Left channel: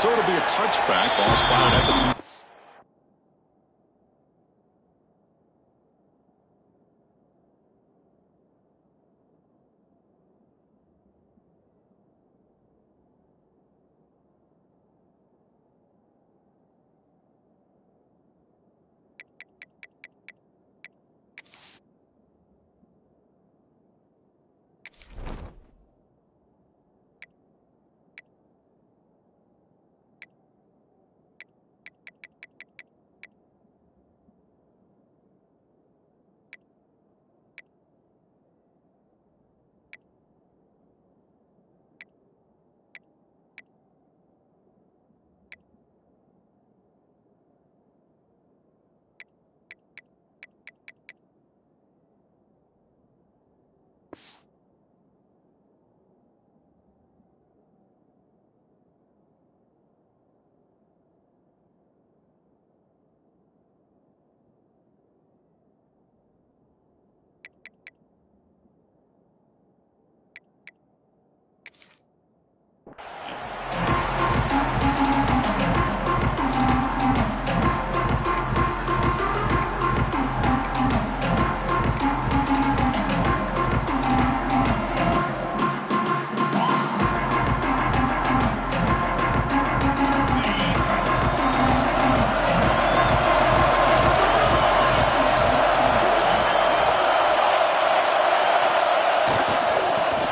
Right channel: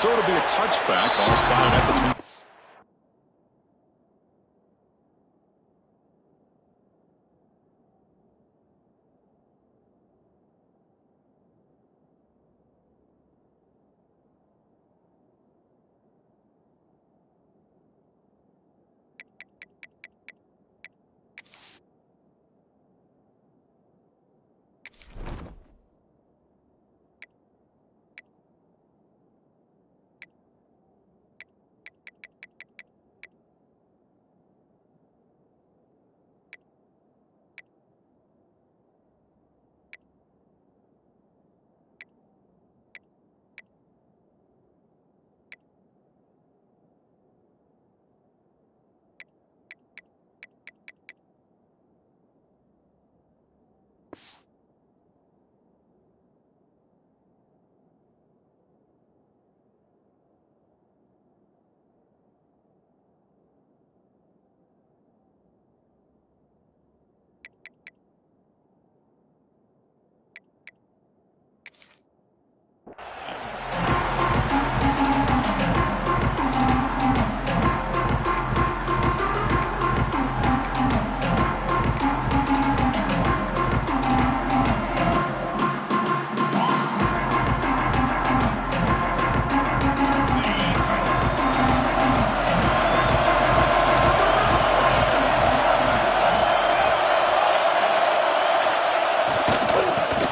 So it'll be a touchback. Ball spotted at the 2.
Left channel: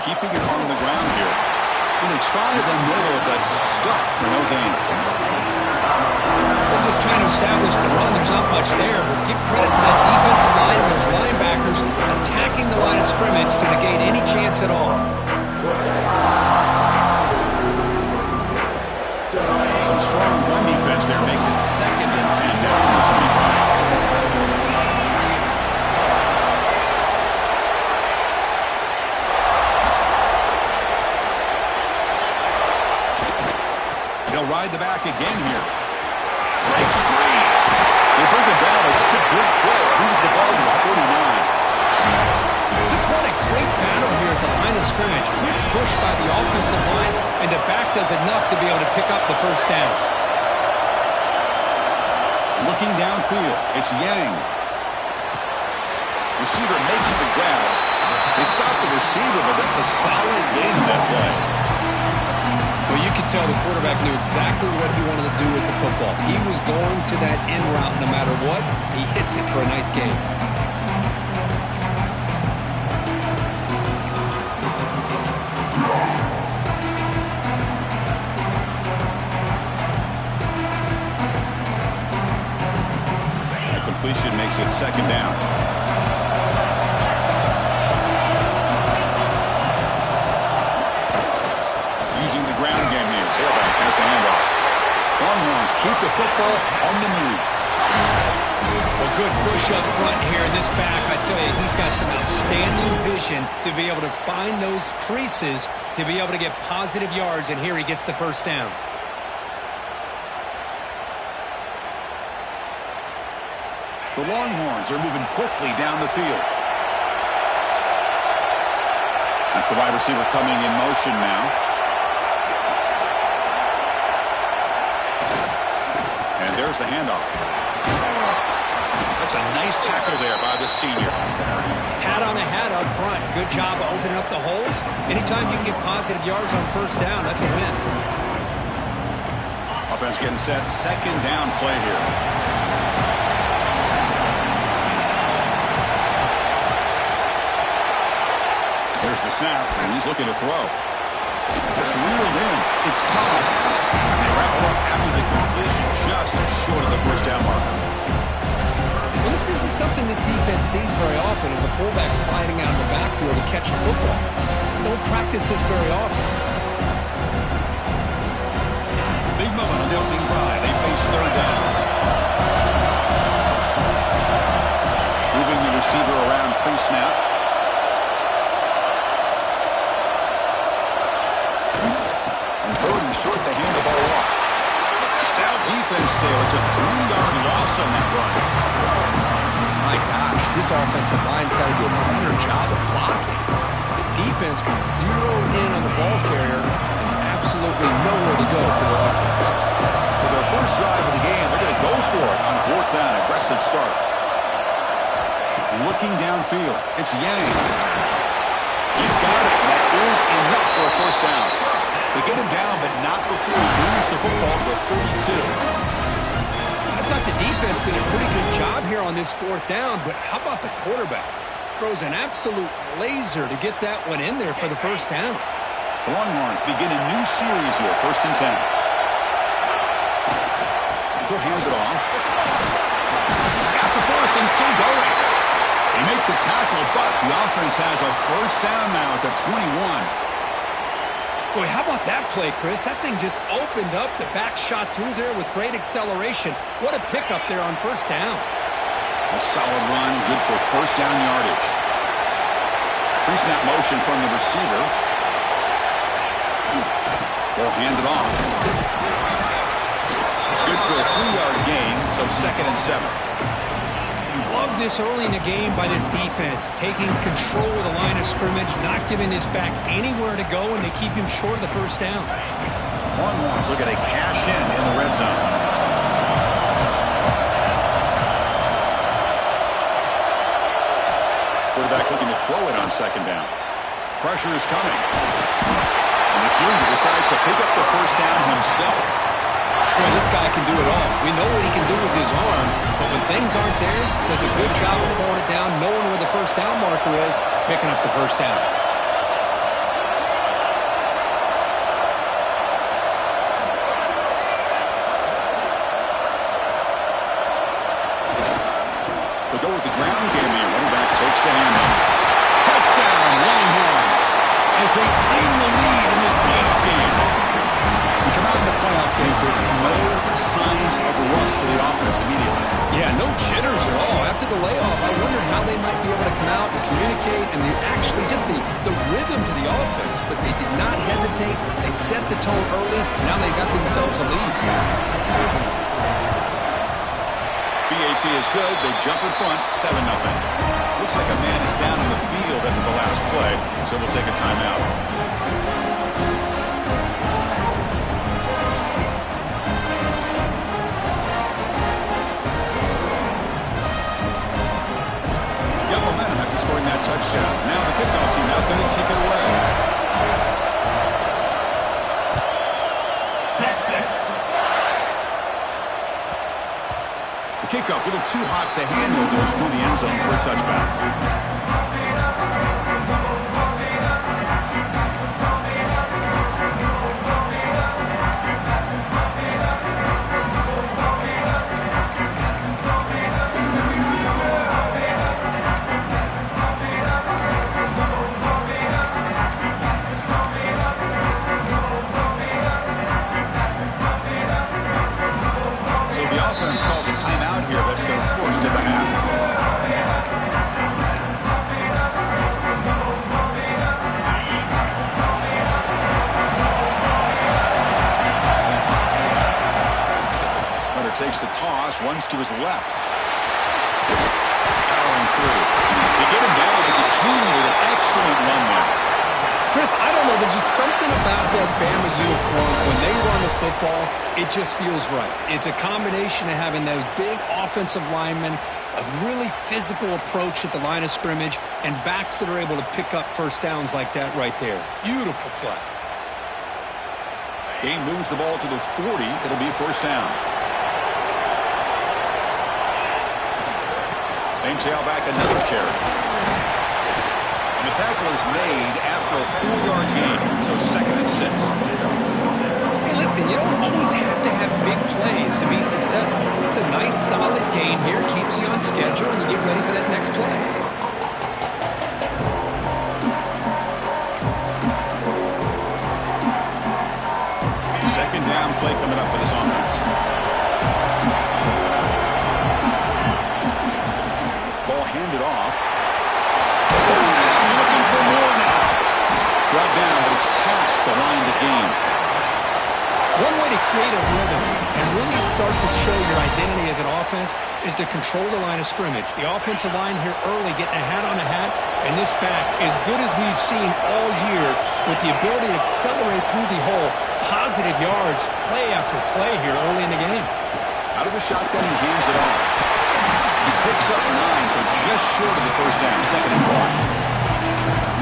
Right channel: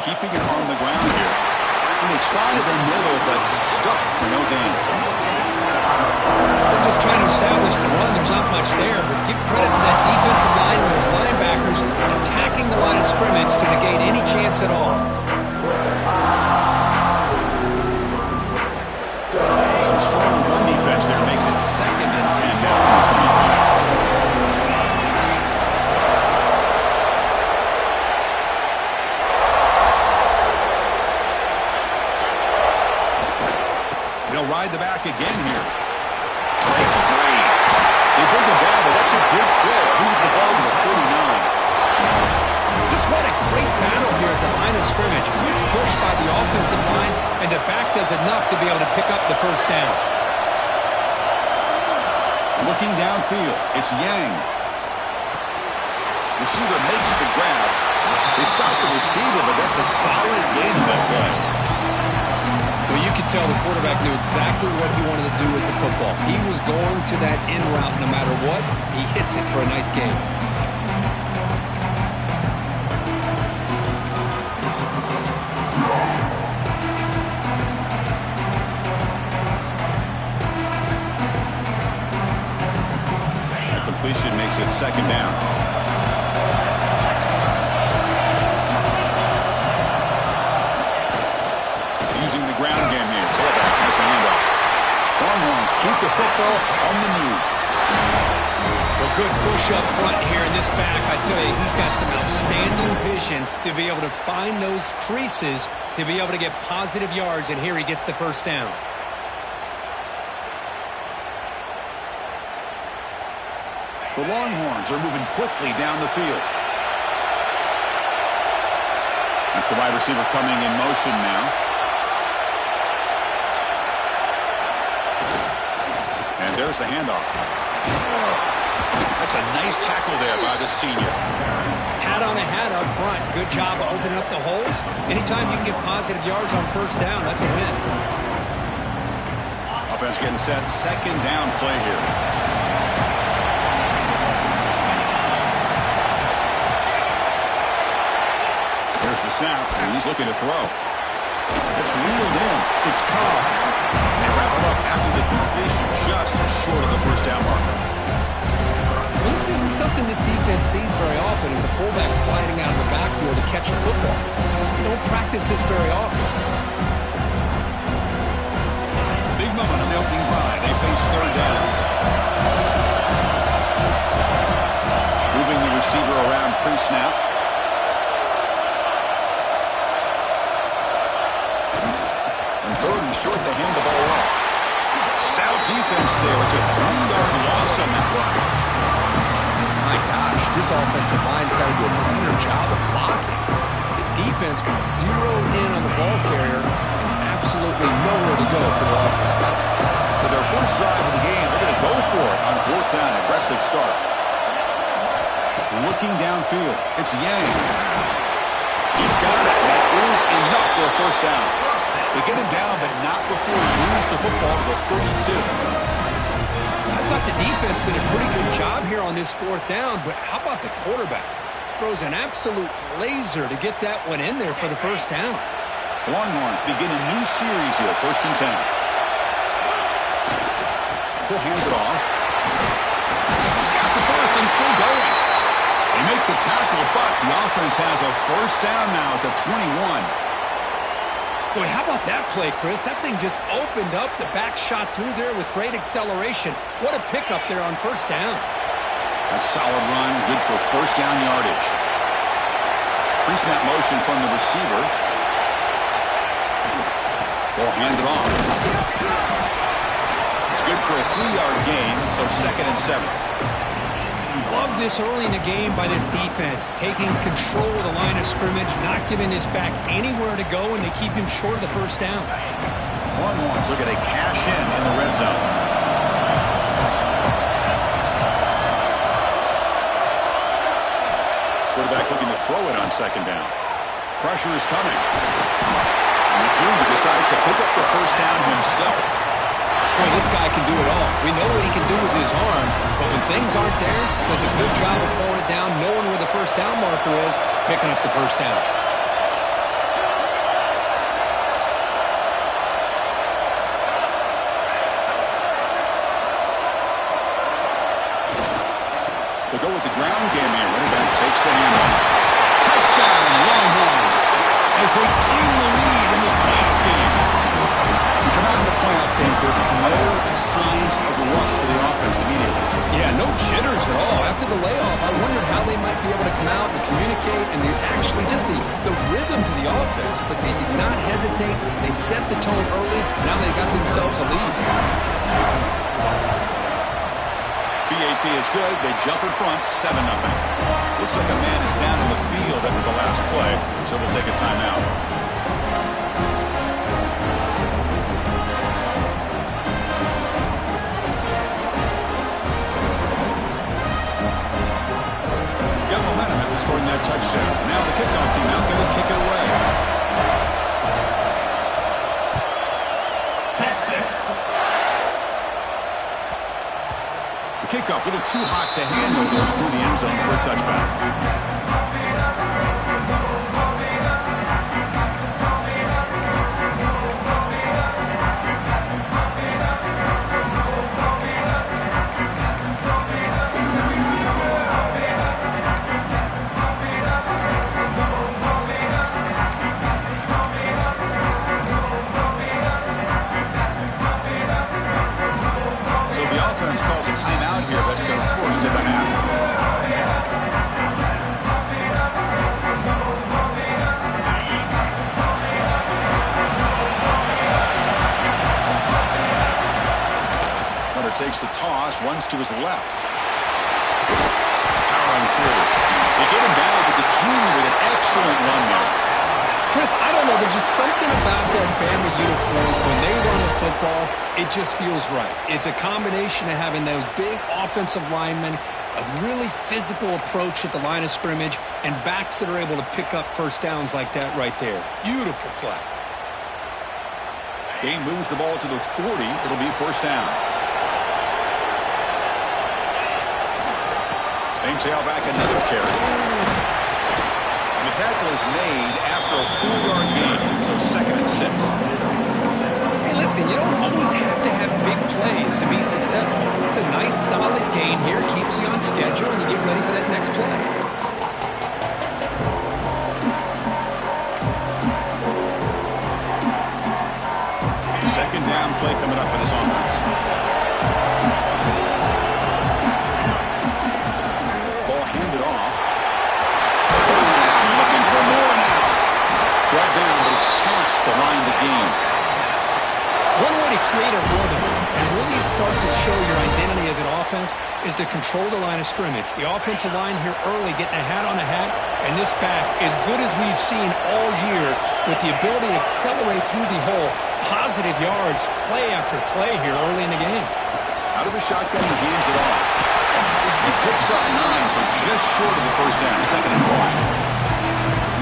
Keeping it on the ground here. And they try the middle, but stuck for no gain. They're just trying to establish the run. There's not much there, but give credit to that defensive line and those linebackers attacking the line of scrimmage to negate any chance at all. Some strong run defense there makes it 2nd and 10 now from the 25. They'll ride the back again here. Breaks free. They bring him down, but that's a good play. Moves the ball to the 49. Just what a great battle here at the line of scrimmage. Good push by the offensive line, and the back does enough to be able to pick up the first down. Looking downfield, it's Yang. Receiver makes the grab. They stop the receiver, but that's a solid gain in that play. Well, you could tell the quarterback knew exactly what he wanted to do with the football. He was going to that in route no matter what. He hits it for a nice gain. That completion makes it 2nd down. Using the ground game here. Tailback has the handoff. Longhorns keep the football on the move. Well, good push up front here in this back. I tell you, he's got some outstanding vision to be able to find those creases to be able to get positive yards, and here he gets the first down. The Longhorns are moving quickly down the field. That's the wide receiver coming in motion now. And there's the handoff. That's a nice tackle there by the senior. Hat on a hat up front. Good job of opening up the holes. Anytime you can get positive yards on first down, that's a win. Offense getting set. 2nd down play here. There's the snap, and he's looking to throw. That's reeled in. It's Cobb. They wrap him up after the completion, just short of the first down marker. Well, this isn't something this defense sees very often, is a fullback sliding out of the backfield to catch the football. They don't practice this very often. Big moment on the opening drive. They face 3rd down. Moving the receiver around pre-snap. On 3rd and short, they hand the ball off. Stout defense there. It's a 3-yard loss on that run. My gosh, this offensive line's got to do a better job of blocking. The defense was zeroed in on the ball carrier and absolutely nowhere to go for their offense. So their first drive of the game, they're going to go for it on 4th down. Aggressive start. Looking downfield. It's Yang. He's got it. That is enough for a first down. They get him down, but not before he moves the football to the 32. I thought the defense did a pretty good job here on this 4th down, but how about the quarterback? Throws an absolute laser to get that one in there for the first down. The Longhorns begin a new series here, 1st and 10. He'll hand it off. He's got the first and still going. They make the tackle, but the offense has a first down now at the 21. Boy, how about that play, Chris? That thing just opened up. The back shot through there with great acceleration. What a pickup there on first down. A solid run, good for first down yardage. Pre-snap motion from the receiver. Will hand it off. It's good for a 3-yard gain, so 2nd and 7. Love this early in the game by this defense, taking control of the line of scrimmage, not giving this back anywhere to go, and they keep him short of the first down. Longhorns look at a cash in the red zone. Quarterback looking to throw it on 2nd down. Pressure is coming. And the junior decides to pick up the first down himself. Boy, this guy can do it all. We know what he can do with his arm, but when things aren't there, does a good job of pulling it down, knowing where the first down marker is, picking up the first down. They'll go with the ground game here. Running back takes the handoff. Touchdown, Longhorns, as they claim the lead in this playoff game. We come out in the playoff game with no signs of rust for the offense immediately. Yeah, no jitters at all. After the layoff, I wondered how they might be able to come out and communicate and actually just the rhythm to the offense, but they did not hesitate. They set the tone early. Now they got themselves a lead. BAT is good. They jump in front, 7-0. Looks like a man is down on the field after the last play, so they'll take a timeout. Got momentum after scoring that touchdown. Now the kickoff team out there to kick it away. Texas. The kickoff a little too hot to handle, goes through the end zone for a touchback. Offense calls a timeout here, but it's going to force to the half. Hunter takes the toss, runs to his left. Powering through. They get him down, but the junior with an excellent run there. Chris, I don't know. There's just something about that Bama uniform. When they run the football, it just feels right. It's a combination of having those big offensive linemen, a really physical approach at the line of scrimmage, and backs that are able to pick up first downs like that right there. Beautiful play. Gain moves the ball to the 40. It'll be first down. Same tailback, another carry. And the tackle is made after a 4-yard gain, so 2nd and 6. Hey, listen, you don't always have to have big plays to be successful. It's a nice, solid gain here, keeps you on schedule, and you get ready for that next play. Second down play coming up for this offense. Ball handed off. First down, looking for more now. Brought down, but it's past the line to gain. One way to create a rhythm and really start to show your identity as an offense is to control the line of scrimmage. The offensive line here early getting a hat on a hat, and this back, as good as we've seen all year, with the ability to accelerate through the hole, positive yards, play after play here early in the game. Out of the shotgun, he hands it off. He picks up 9, so just short of the first down, 2nd and 1.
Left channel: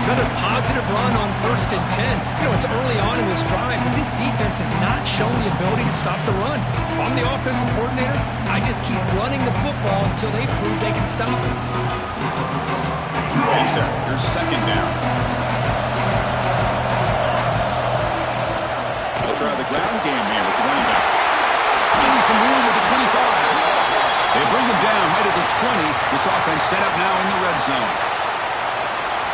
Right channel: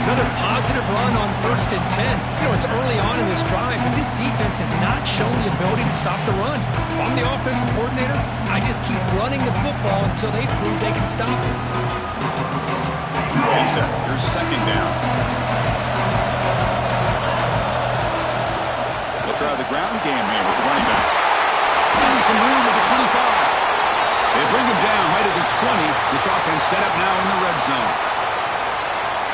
Another positive run on 1st and 10. You know, it's early on in this drive, but this defense has not shown the ability to stop the run. If I'm the offensive coordinator, I just keep running the football until they prove they can stop it. He's at your 2nd down. They'll try the ground game here with the running back. Maybe some room with the 25. They bring him down right at the 20. This offense set up now in the red zone.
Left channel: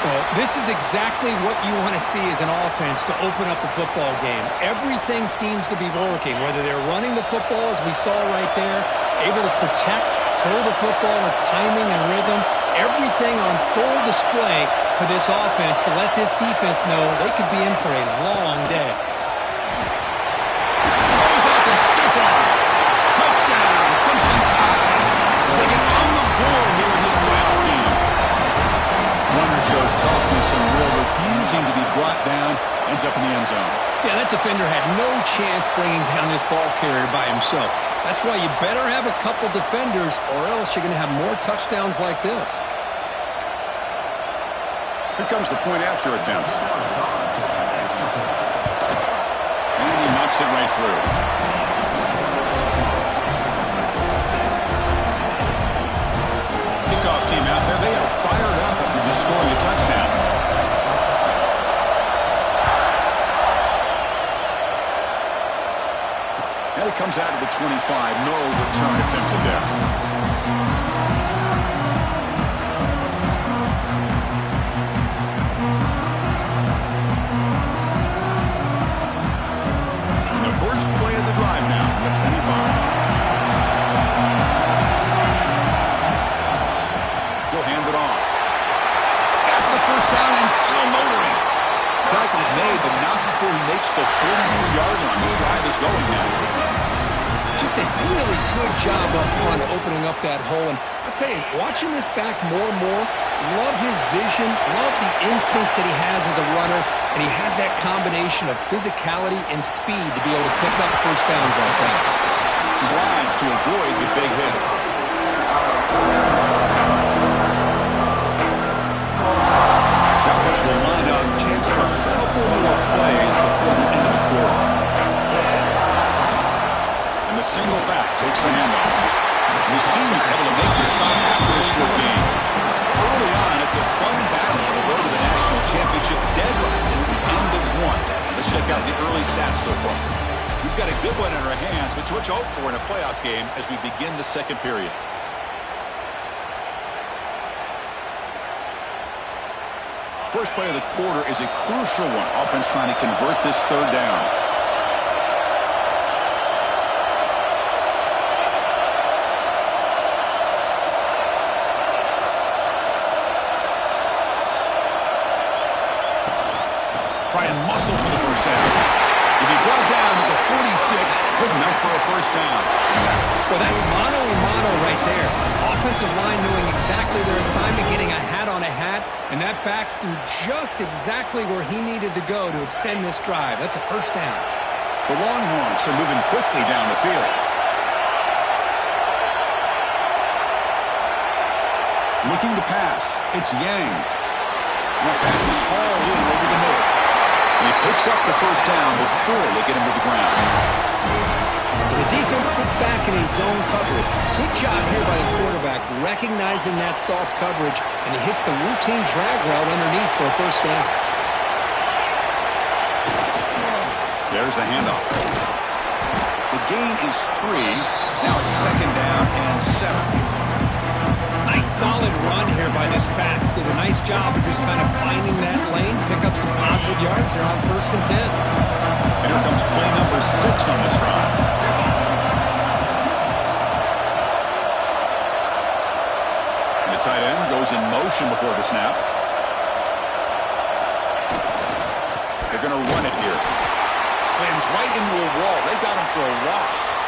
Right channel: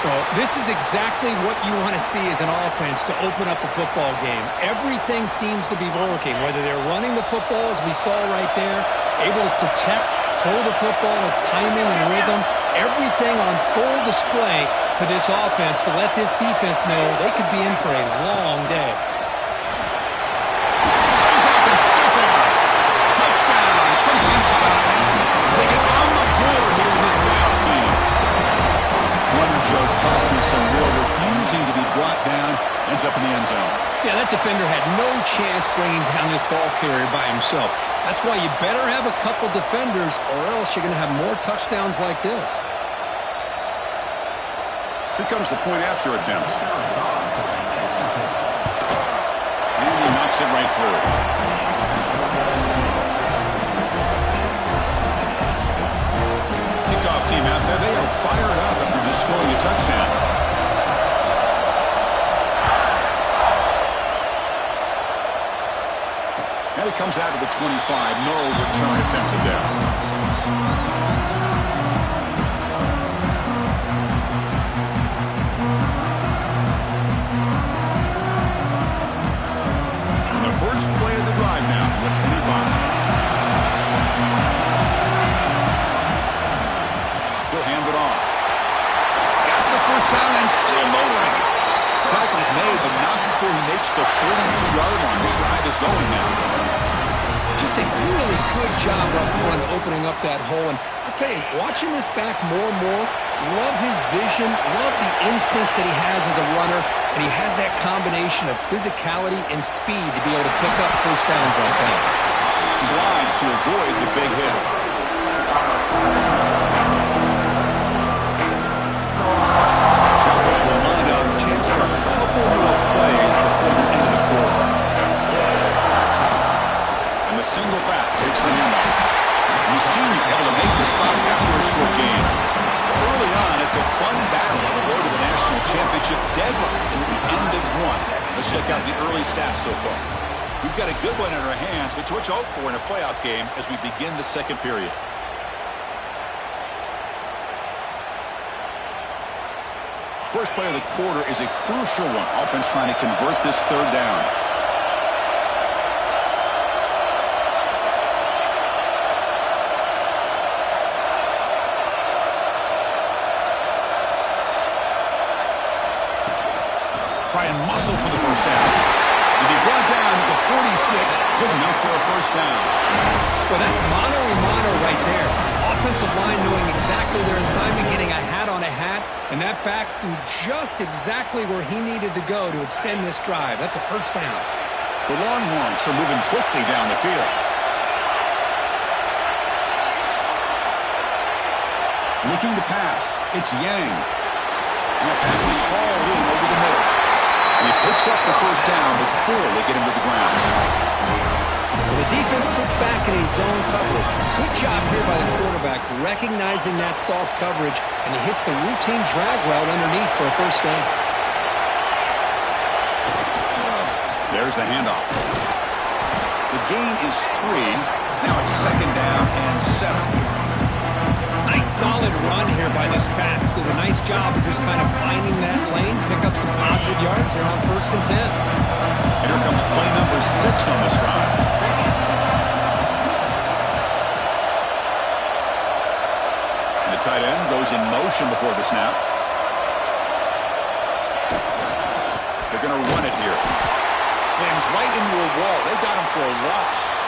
Well, this is exactly what you want to see as an offense to open up a football game. Everything seems to be working, whether they're running the football, as we saw right there, able to protect, throw the football with timing and rhythm, everything on full display for this offense to let this defense know they could be in for a long day. Goes out to stiff arm. Touchdown, Crimson Tide, as they get on the board here in this playoff game. Runner shows toughness and will, refusing to be brought down, ends up in the end zone. Yeah, that defender had no chance bringing down this ball carrier by himself. That's why you better have a couple defenders, or else you're going to have more touchdowns like this. Here comes the point after attempt. And he knocks it right through. Kickoff team out there, they are fired up after just scoring a touchdown. And it comes out of the 25. No return attempted there. And the first play of the drive now from the 25. He'll hand it off. Got the first down and still motoring. Tackle's made, but not before he makes the 43-yard line. This drive is going now. Just a really good job up front opening up that hole. And I'll tell you, watching this back more and more, love his vision, love the instincts that he has as a runner, and he has that combination of physicality and speed to be able to pick up first downs like that. Slides to avoid the big hit. Offense will line up, chance for a couple more plays before the end of the quarter. And the single back takes the handoff. And the senior able to make the stop after a short game. Early on, it's a fun battle on the road to the national championship deadline at the end of one. Let's check out the early stats so far. We've got a good one in our hands, which what you hope for in a playoff game as we begin the second period. First play of the quarter is a crucial one. Offense trying to convert this third down. Try and muscle for the first down. He'll be brought down at the 46, good enough for a first down. Well, that's mano-a-mano right there. Offensive line knowing exactly their assignment, getting a hat on a hat, and that back threw just exactly where he needed to go to extend this drive. That's a first down. The Longhorns are moving quickly down the field. Looking to pass. It's Yang. And that pass is hauled in over the middle. And he picks up the first down before they get him to the ground. Well, the defense sits back in a zone coverage. Good job here by the quarterback recognizing that soft coverage, and he hits the routine drag route underneath for a first down. There's the handoff. The gain is 3. Now it's second down and 7. Nice solid run here by this back. Did a nice job of just kind of finding that lane, pick up some positive yards. They're on 1st and 10. And here comes play number 6 on this drive. And the tight end goes in motion before the snap. They're going to run it here. Slams right into a wall. They've got him for a loss.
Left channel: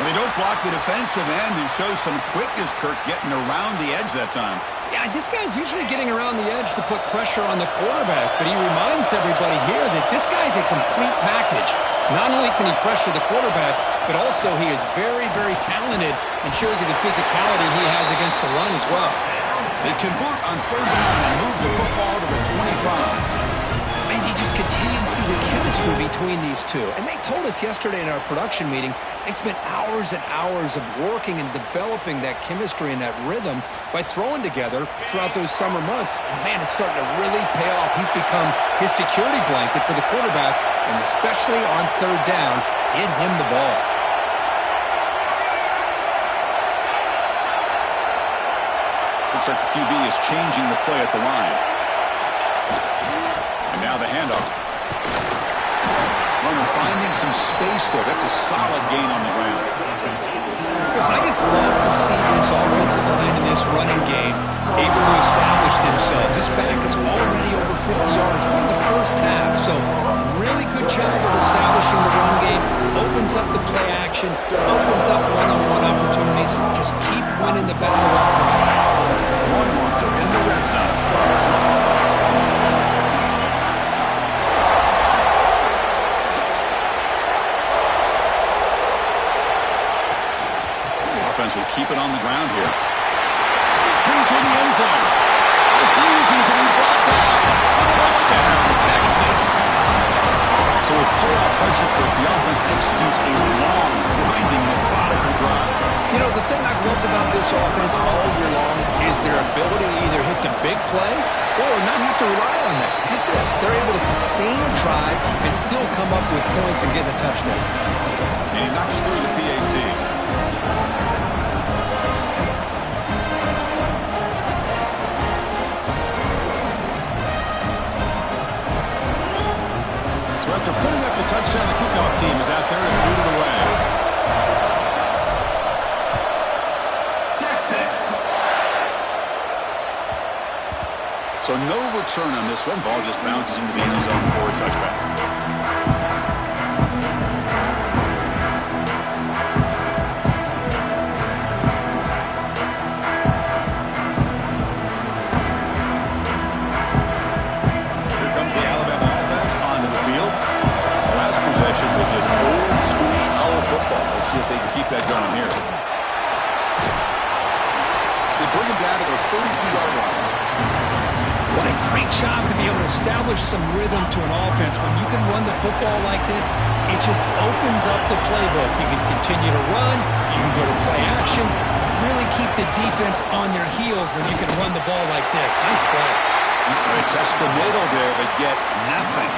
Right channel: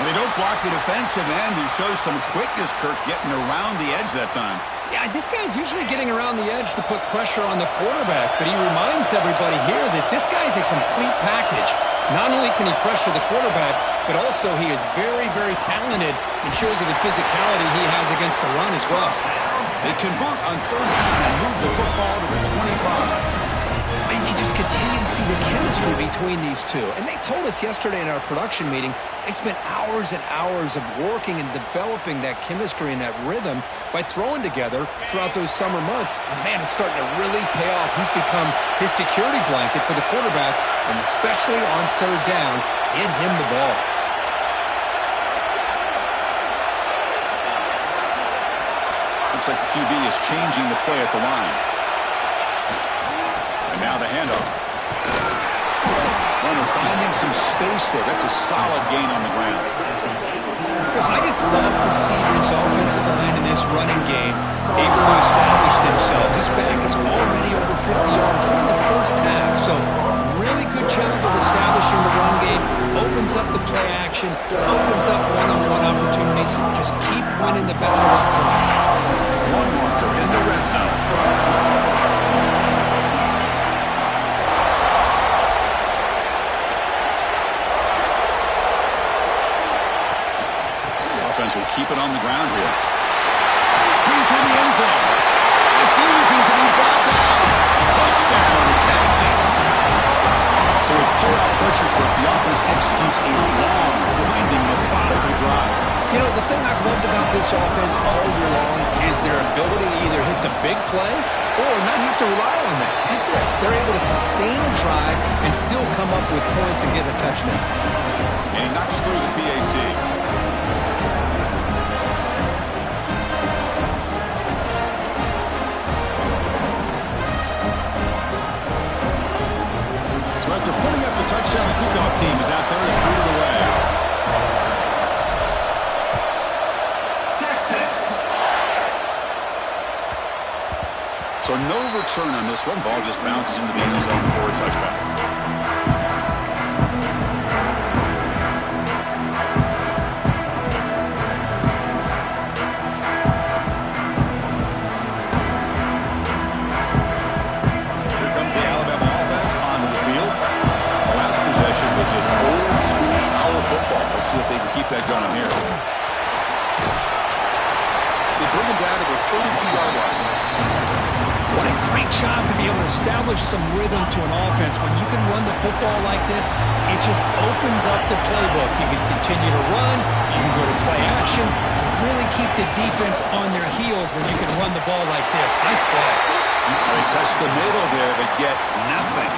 And they don't block the defensive end, who shows some quickness, Kirk, getting around the edge that time. Yeah, this guy's usually getting around the edge to put pressure on the quarterback, but he reminds everybody here that this guy's a complete package. Not only can he pressure the quarterback, but also he is very, very talented and shows you the physicality he has against the run as well. They convert on third down and move the football to the 25. And you just continue to see the chemistry between these two. And they told us yesterday in our production meeting, they spent hours and hours of working and developing that chemistry and that rhythm by throwing together throughout those summer months. And, man, it's starting to really pay off. He's become his security blanket for the quarterback, and especially on third down, get him the ball. Looks like the QB is changing the play at the line. And now the handoff. Runner finding some space there. That's a solid gain on the ground. Because I just love to see this offensive line in this running game able to establish themselves. This back is already over 50 yards. We're in the first half, so really good job of establishing the run game. Opens up the play action, opens up one-on-one opportunities. Just keep winning the battle up front. Longhorns are in the red zone. Offense will keep it on the ground here. Green to the end zone. Refusing to be brought down. Touchdown, Texas. So with playoff pressure, the offense executes a long, grinding, methodical drive. You know, the thing I've loved about this offense all year long is their ability to either hit the big play or not have to rely on that. Hit this. They're able to sustain a drive and still come up with points and get a touchdown. And he knocks through the PAT. After putting up the touchdown, the kickoff team is out there to boot it away. Texas. So no return on this one. Ball just bounces into the end zone for a touchback. Was just old school power football. Let's see if they can keep that going here. They bring him down to the 32-yard line. What a great job to be able to establish some rhythm to an offense. When you can run the football like this, it just opens up the playbook. You can continue to run. You can go to play action. And really keep the defense on their heels when you can run the ball like this. Nice play. They test the middle there, but get nothing.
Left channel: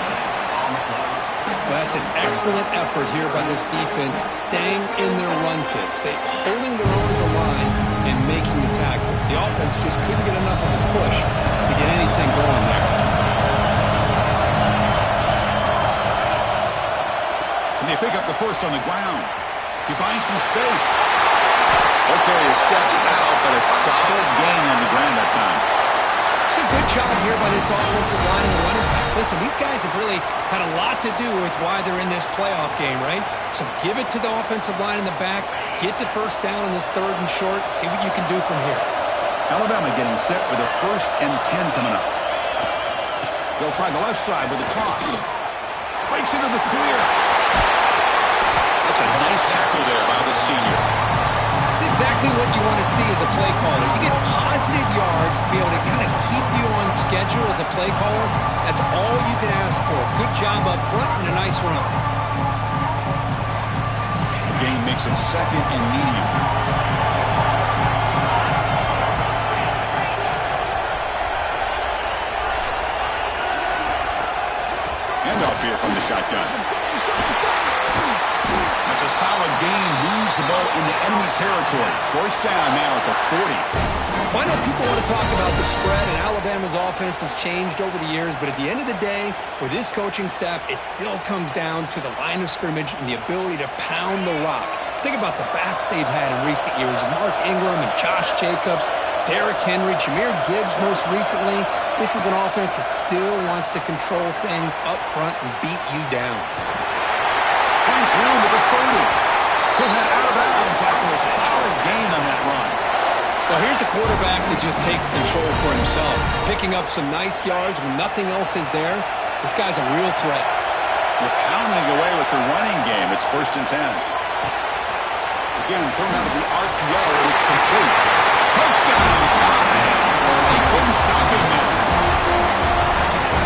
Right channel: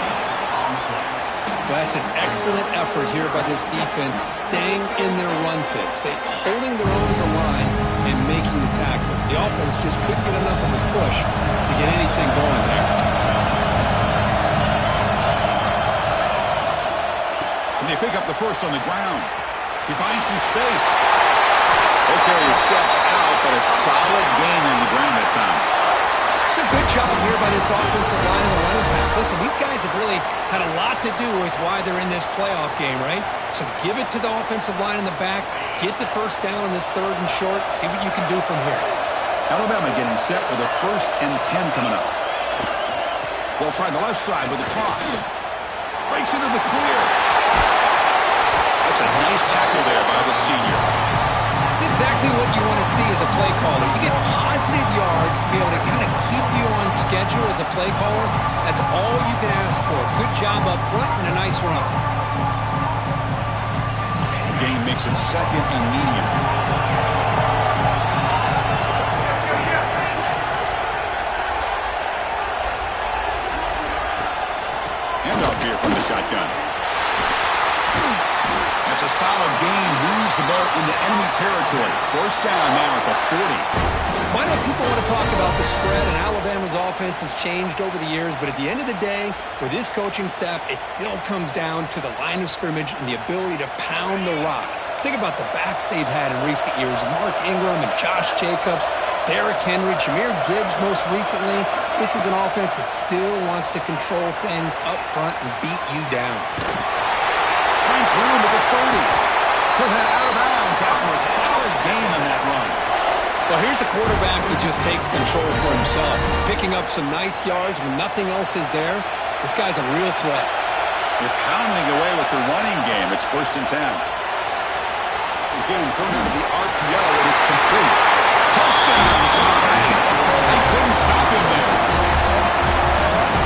Well, that's an excellent effort here by this defense, staying in their run fits. They holding their own at the line and making the tackle. The offense just couldn't get enough of a push to get anything going there. And they pick up the first on the ground. He finds some space. Okay, he steps out, but a solid gain on the ground that time. It's a good job here by this offensive line and the running back. Listen, these guys have really had a lot to do with why they're in this playoff game, right? So give it to the offensive line in the back. Get the first down on this third and short. See what you can do from here. Alabama getting set with a 1st and 10 coming up. They'll try the left side with a toss. Breaks into the clear. That's a nice tackle there by the senior. It's exactly what you want to see as a play caller. You get positive yards to be able to kind of keep you on schedule as a play caller. That's all you can ask for. Good job up front and a nice run. The game makes it 2nd and medium. Handoff here from the shotgun. That's a solid gain. Moves the ball into enemy territory. 1st down now at the 40. I know people want to talk about the spread, and Alabama's offense has changed over the years, but at the end of the day, with this coaching staff, it still comes down to the line of scrimmage and the ability to pound the rock. Think about the backs they've had in recent years. Mark Ingram and Josh Jacobs, Derrick Henry, Jahmyr Gibbs most recently. This is an offense that still wants to control things up front and beat you down. Finds room at the 30. He'll head out of bounds after a solid gain on that run. Well, here's a quarterback that just takes control for himself, picking up some nice yards when nothing else is there. This guy's a real threat. They're pounding away with their running game. It's 1st and 10. Again, thrown out of the RPO, and it's complete. Touchdown, tie. They couldn't stop him there.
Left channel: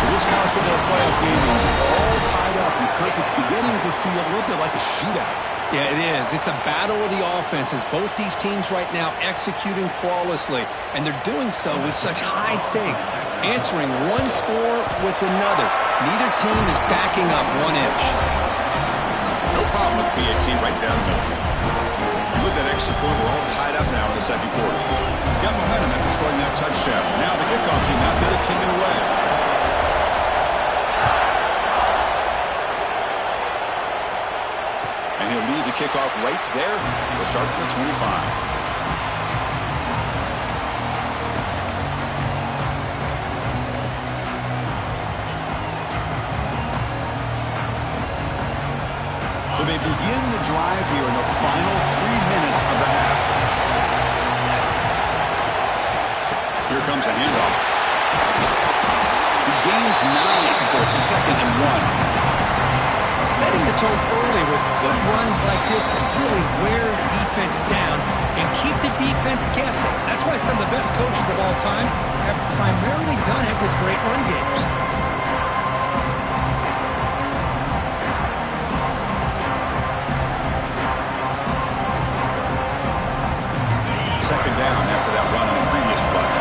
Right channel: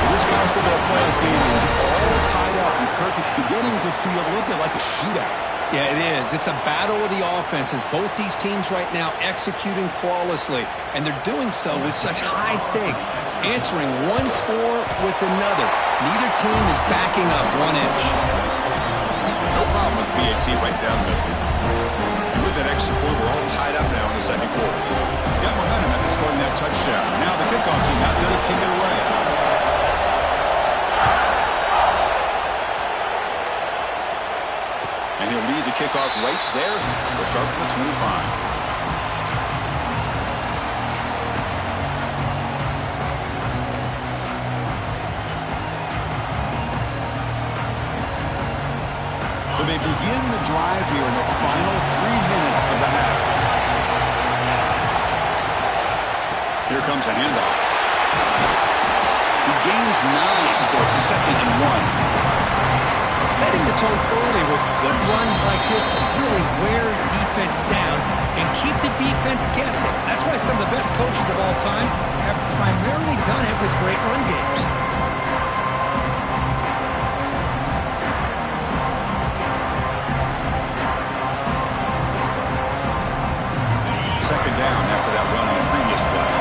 Well, this college football playoff game is all tied up, and Kirk, it's beginning to feel a little bit like a shootout. Yeah, it is. It's a battle of the offenses. Both these teams right now executing flawlessly, and they're doing so with such high stakes, answering one score with another. Neither team is backing up 1 inch. No problem with PAT right down the middle. And with that extra point, we're all tied up now in the second quarter. Got momentum after scoring that touchdown. Now the kickoff team out there to kick it away. And he'll lead the kickoff right there. We'll start from the 25. So they begin the drive here in the final 3 minutes of the half. Here comes a handoff. He gains 9, so it's 2nd and 1. Setting the tone early with good runs like this can really wear defense down and keep the defense guessing. That's why some of the best coaches of all time have primarily done it with great run games. Second down after that run on the previous play.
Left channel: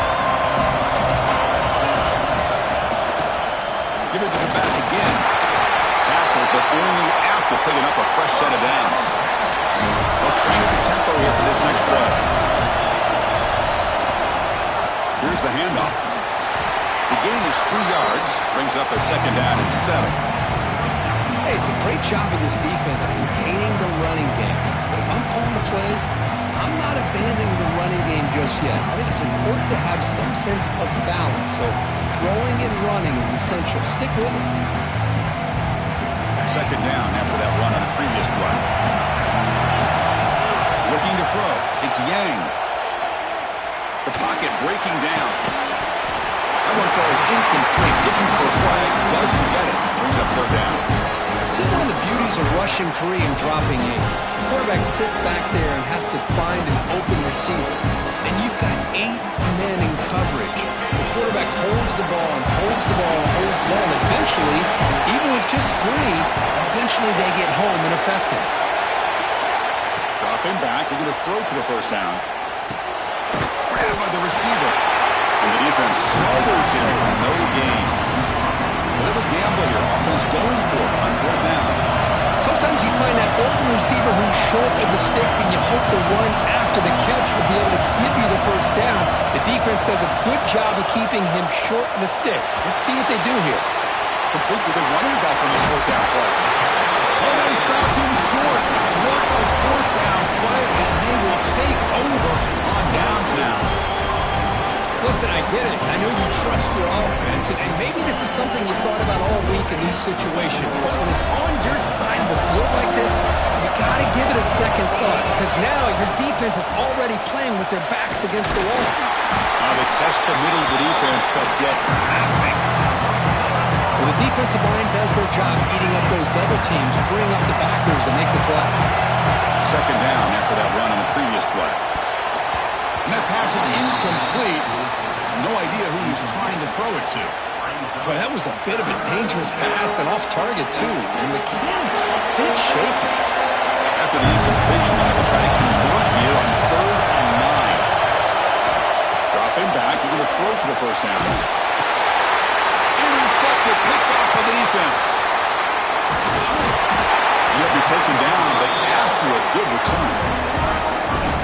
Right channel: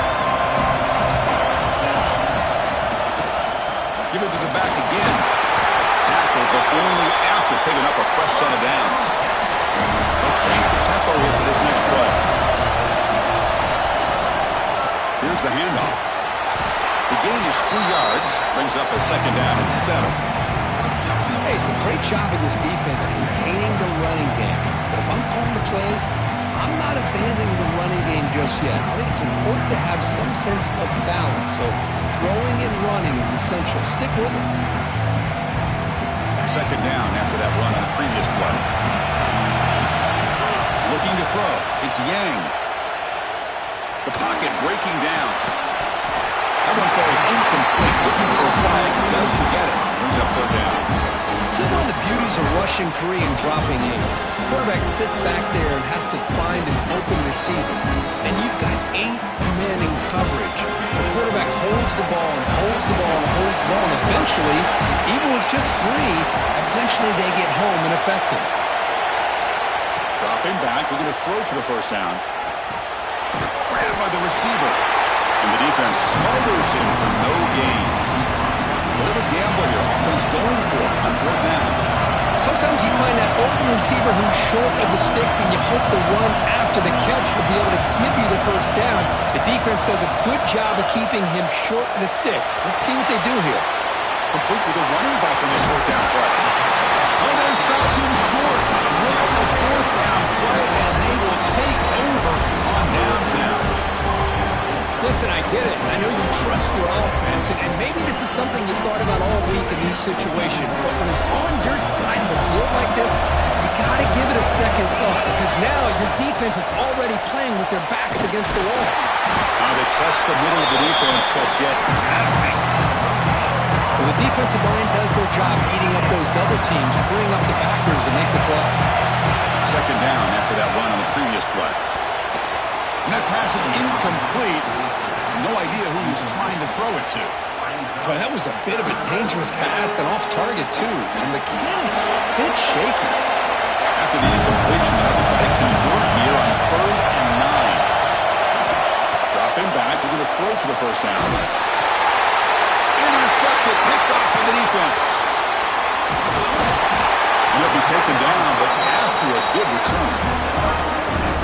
Give it to the back again. Tackled, but only after picking up a fresh set of downs. They'll crank the tempo here for this next play. Here's the handoff. The gain is 3 yards, brings up a 2nd down and 7. Hey, it's a great job of this defense containing the running game. But if I'm calling the plays, I'm not abandoning the running game just yet. I think it's important to have some sense of balance. So throwing and running is essential. Stick with it. Second down after that run on the previous play. Looking to throw. It's Yang. The pocket breaking down. That one falls incomplete. Looking for a flag. Doesn't get it. Brings up 3rd down. This is one of the beauties of rushing 3 and dropping 8. The quarterback sits back there and has to find an open receiver. And you've got 8 men in coverage. The quarterback holds the ball and holds the ball and holds the ball. And eventually, even with just 3, eventually they get home and affect him. Dropping back. Looking to throw for the 1st down. Grabbed by the receiver. And the defense smothers him for no gain. Bit of a gamble here. Offense going for it on 4th down. Sometimes you find that open receiver who's short of the sticks, and you hope the run after the catch will be able to give you the 1st down. The defense does a good job of keeping him short of the sticks. Let's see what they do here. Complete with a running back on this 4th down play. Oh, they stopped him short. What a 4th down play, and they will take over on downs now. Listen, I get it. I know you trust your offense, and maybe this is something you thought about all week in these situations, but when it's on your side of the field like this, you got to give it a second thought, because now your defense is already playing with their backs against the wall. They test the middle of the defense, but get nothing. Well, the defensive line does their job eating up those double teams, freeing up the backers to make the play. Second down after that run on the previous play. And that pass is incomplete. No idea who he's trying to throw it to. Boy, that was a bit of a dangerous pass and off target, too. The mechanics were a bit shaky. After the incompletion, they'll have to try to convert here on 3rd and 9. Dropping back, they're going to throw for the 1st down. Intercepted, picked off by the defense. He'll be taken down, but after a good return.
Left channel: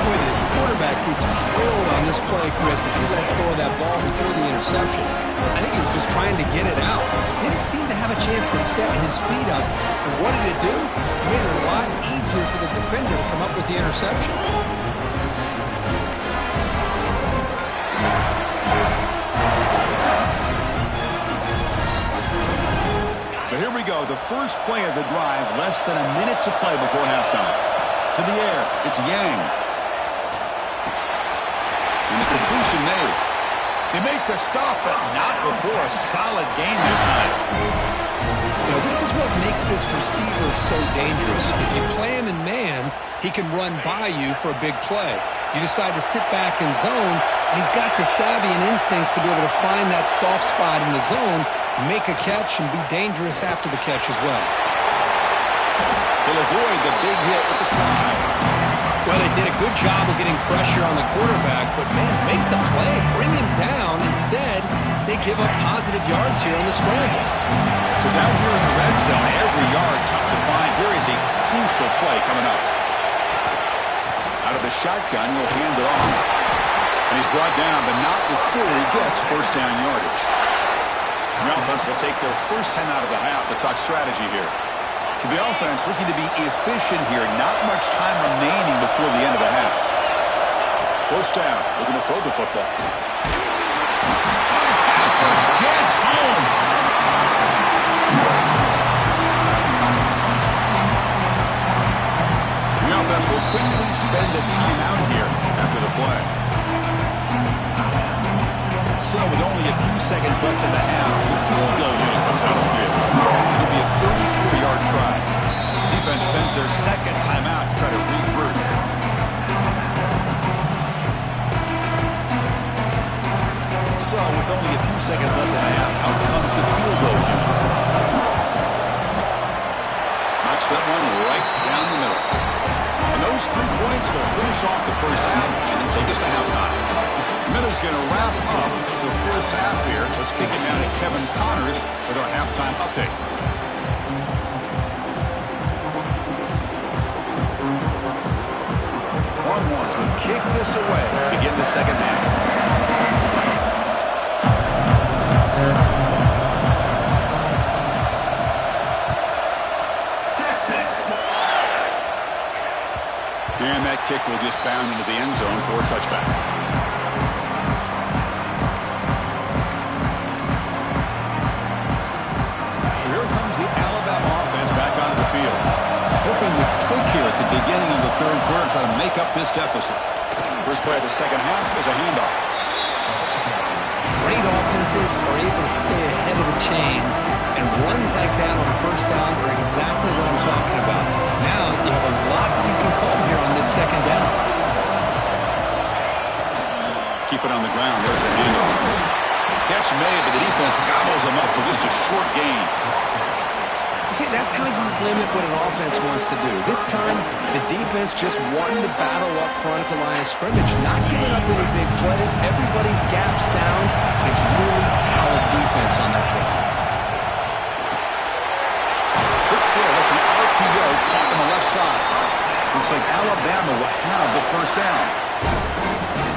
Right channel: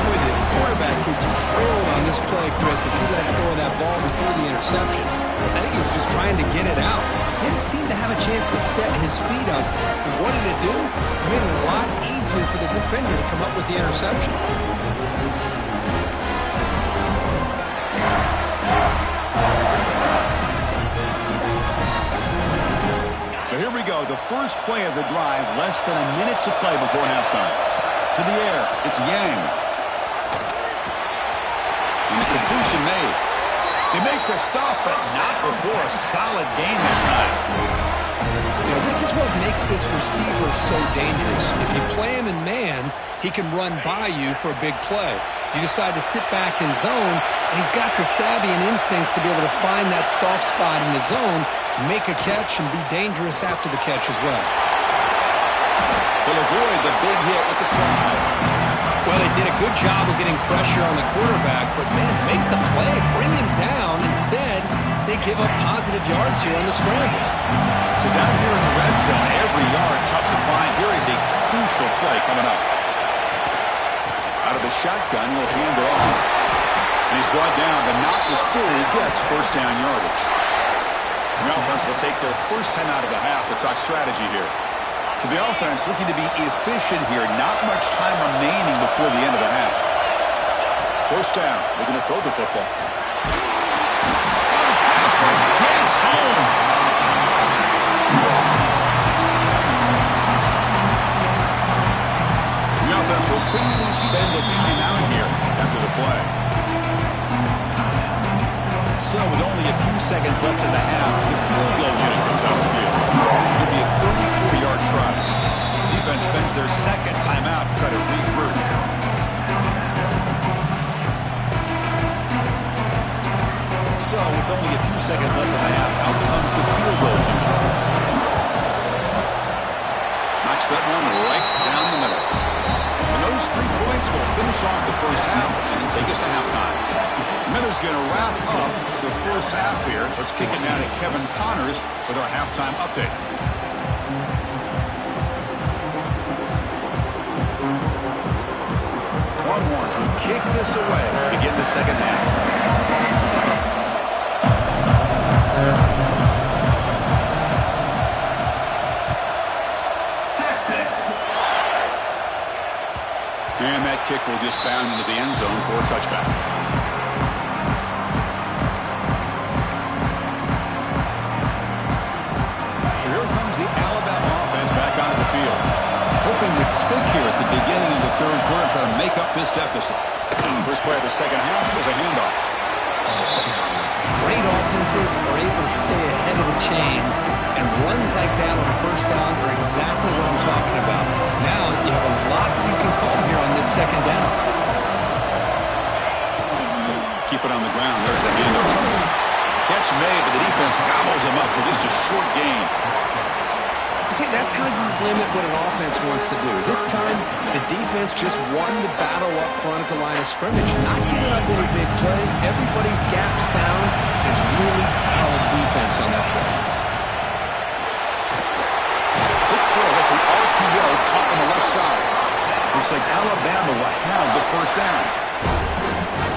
Boy, the quarterback gets trailed on this play, Chris, as he lets go of that ball before the interception. I think he was just trying to get it out. Didn't seem to have a chance to set his feet up. And what did it do? It made it a lot easier for the defender to come up with the interception. So here we go, the first play of the drive, less than a minute to play before halftime. To the air, it's Yang. And the completion made. They make the stop, but not before a solid gain that time. You know, this is what makes this receiver so dangerous. If you play him in man, he can run by you for a big play. You decide to sit back in zone, and he's got the savvy and instincts to be able to find that soft spot in the zone, make a catch, and be dangerous after the catch as well. He'll avoid the big hit with the slide. Well, they did a good job of getting pressure on the quarterback, but, man, make the play, bring him down. Instead, they give up positive yards here on the scramble. So down here in the red zone, every yard tough to find. Here is a crucial play coming up. Out of the shotgun, he'll hand it off. And he's brought down, but not before he gets first down yardage. The offense will take their first 10 out of the half to talk strategy here. So the offense looking to be efficient here. Not much time remaining before the end of the half. First down. Looking to throw the football. Oh, the pass rush gets home. The offense will quickly spend a timeout here after the play. So with only a few seconds left in the half, the field goal unit comes out of the field. It'll be a 34-yard try. Defense spends their second timeout to try to regroup. So with only a few seconds left in the half, out comes the field goal unit. Knocks that one right down the middle. And those 3 points will finish off the first half and then take us to halftime. Minutes going to wrap up the first half here. Let's kick it down to Kevin Connors with our halftime update. Longhorns will kick this away to begin the second half. And that kick will just bound into the end zone for a touchback. So here comes the Alabama offense back onto the field. Hoping to click here at the beginning of the third quarter, try to make up this deficit. First play of the second half is a handoff. Great offenses are able to stay ahead of the chains, and runs like that on first down are exactly what I'm talking about. Now you have a lot that you can call here on this second down. Keep it on the ground. There's the handoff. Catch made, but the defense gobbles him up for just a short gain. See, that's how you limit what an offense wants to do. This time, the defense just won the battle up front at the line of scrimmage, not giving up any big plays. Everybody's gap sound. It's really solid defense on that play. Quick throw. That's an RPO caught on the left side. Looks like Alabama will have the first down.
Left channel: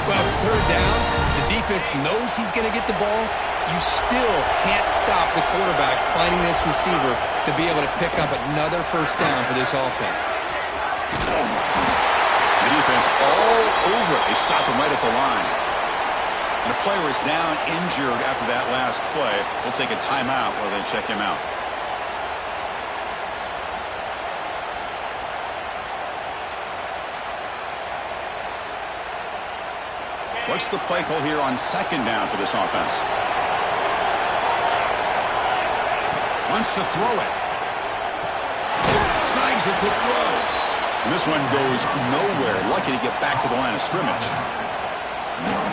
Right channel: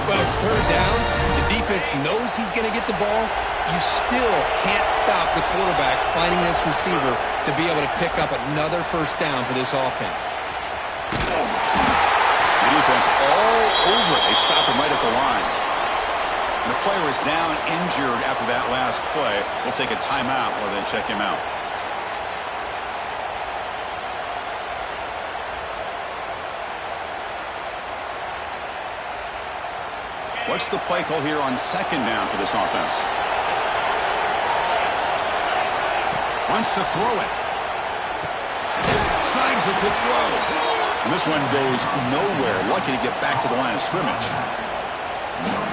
Well, it's third down. The defense knows he's going to get the ball. You still can't stop the quarterback finding this receiver to be able to pick up another first down for this offense. The defense all over it. They stop him right at the line. And the player is down injured after that last play. We'll take a timeout while they check him out. What's the play call here on second down for this offense? Wants to throw it. Snags a quick throw. And this one goes nowhere. Lucky to get back to the line of scrimmage.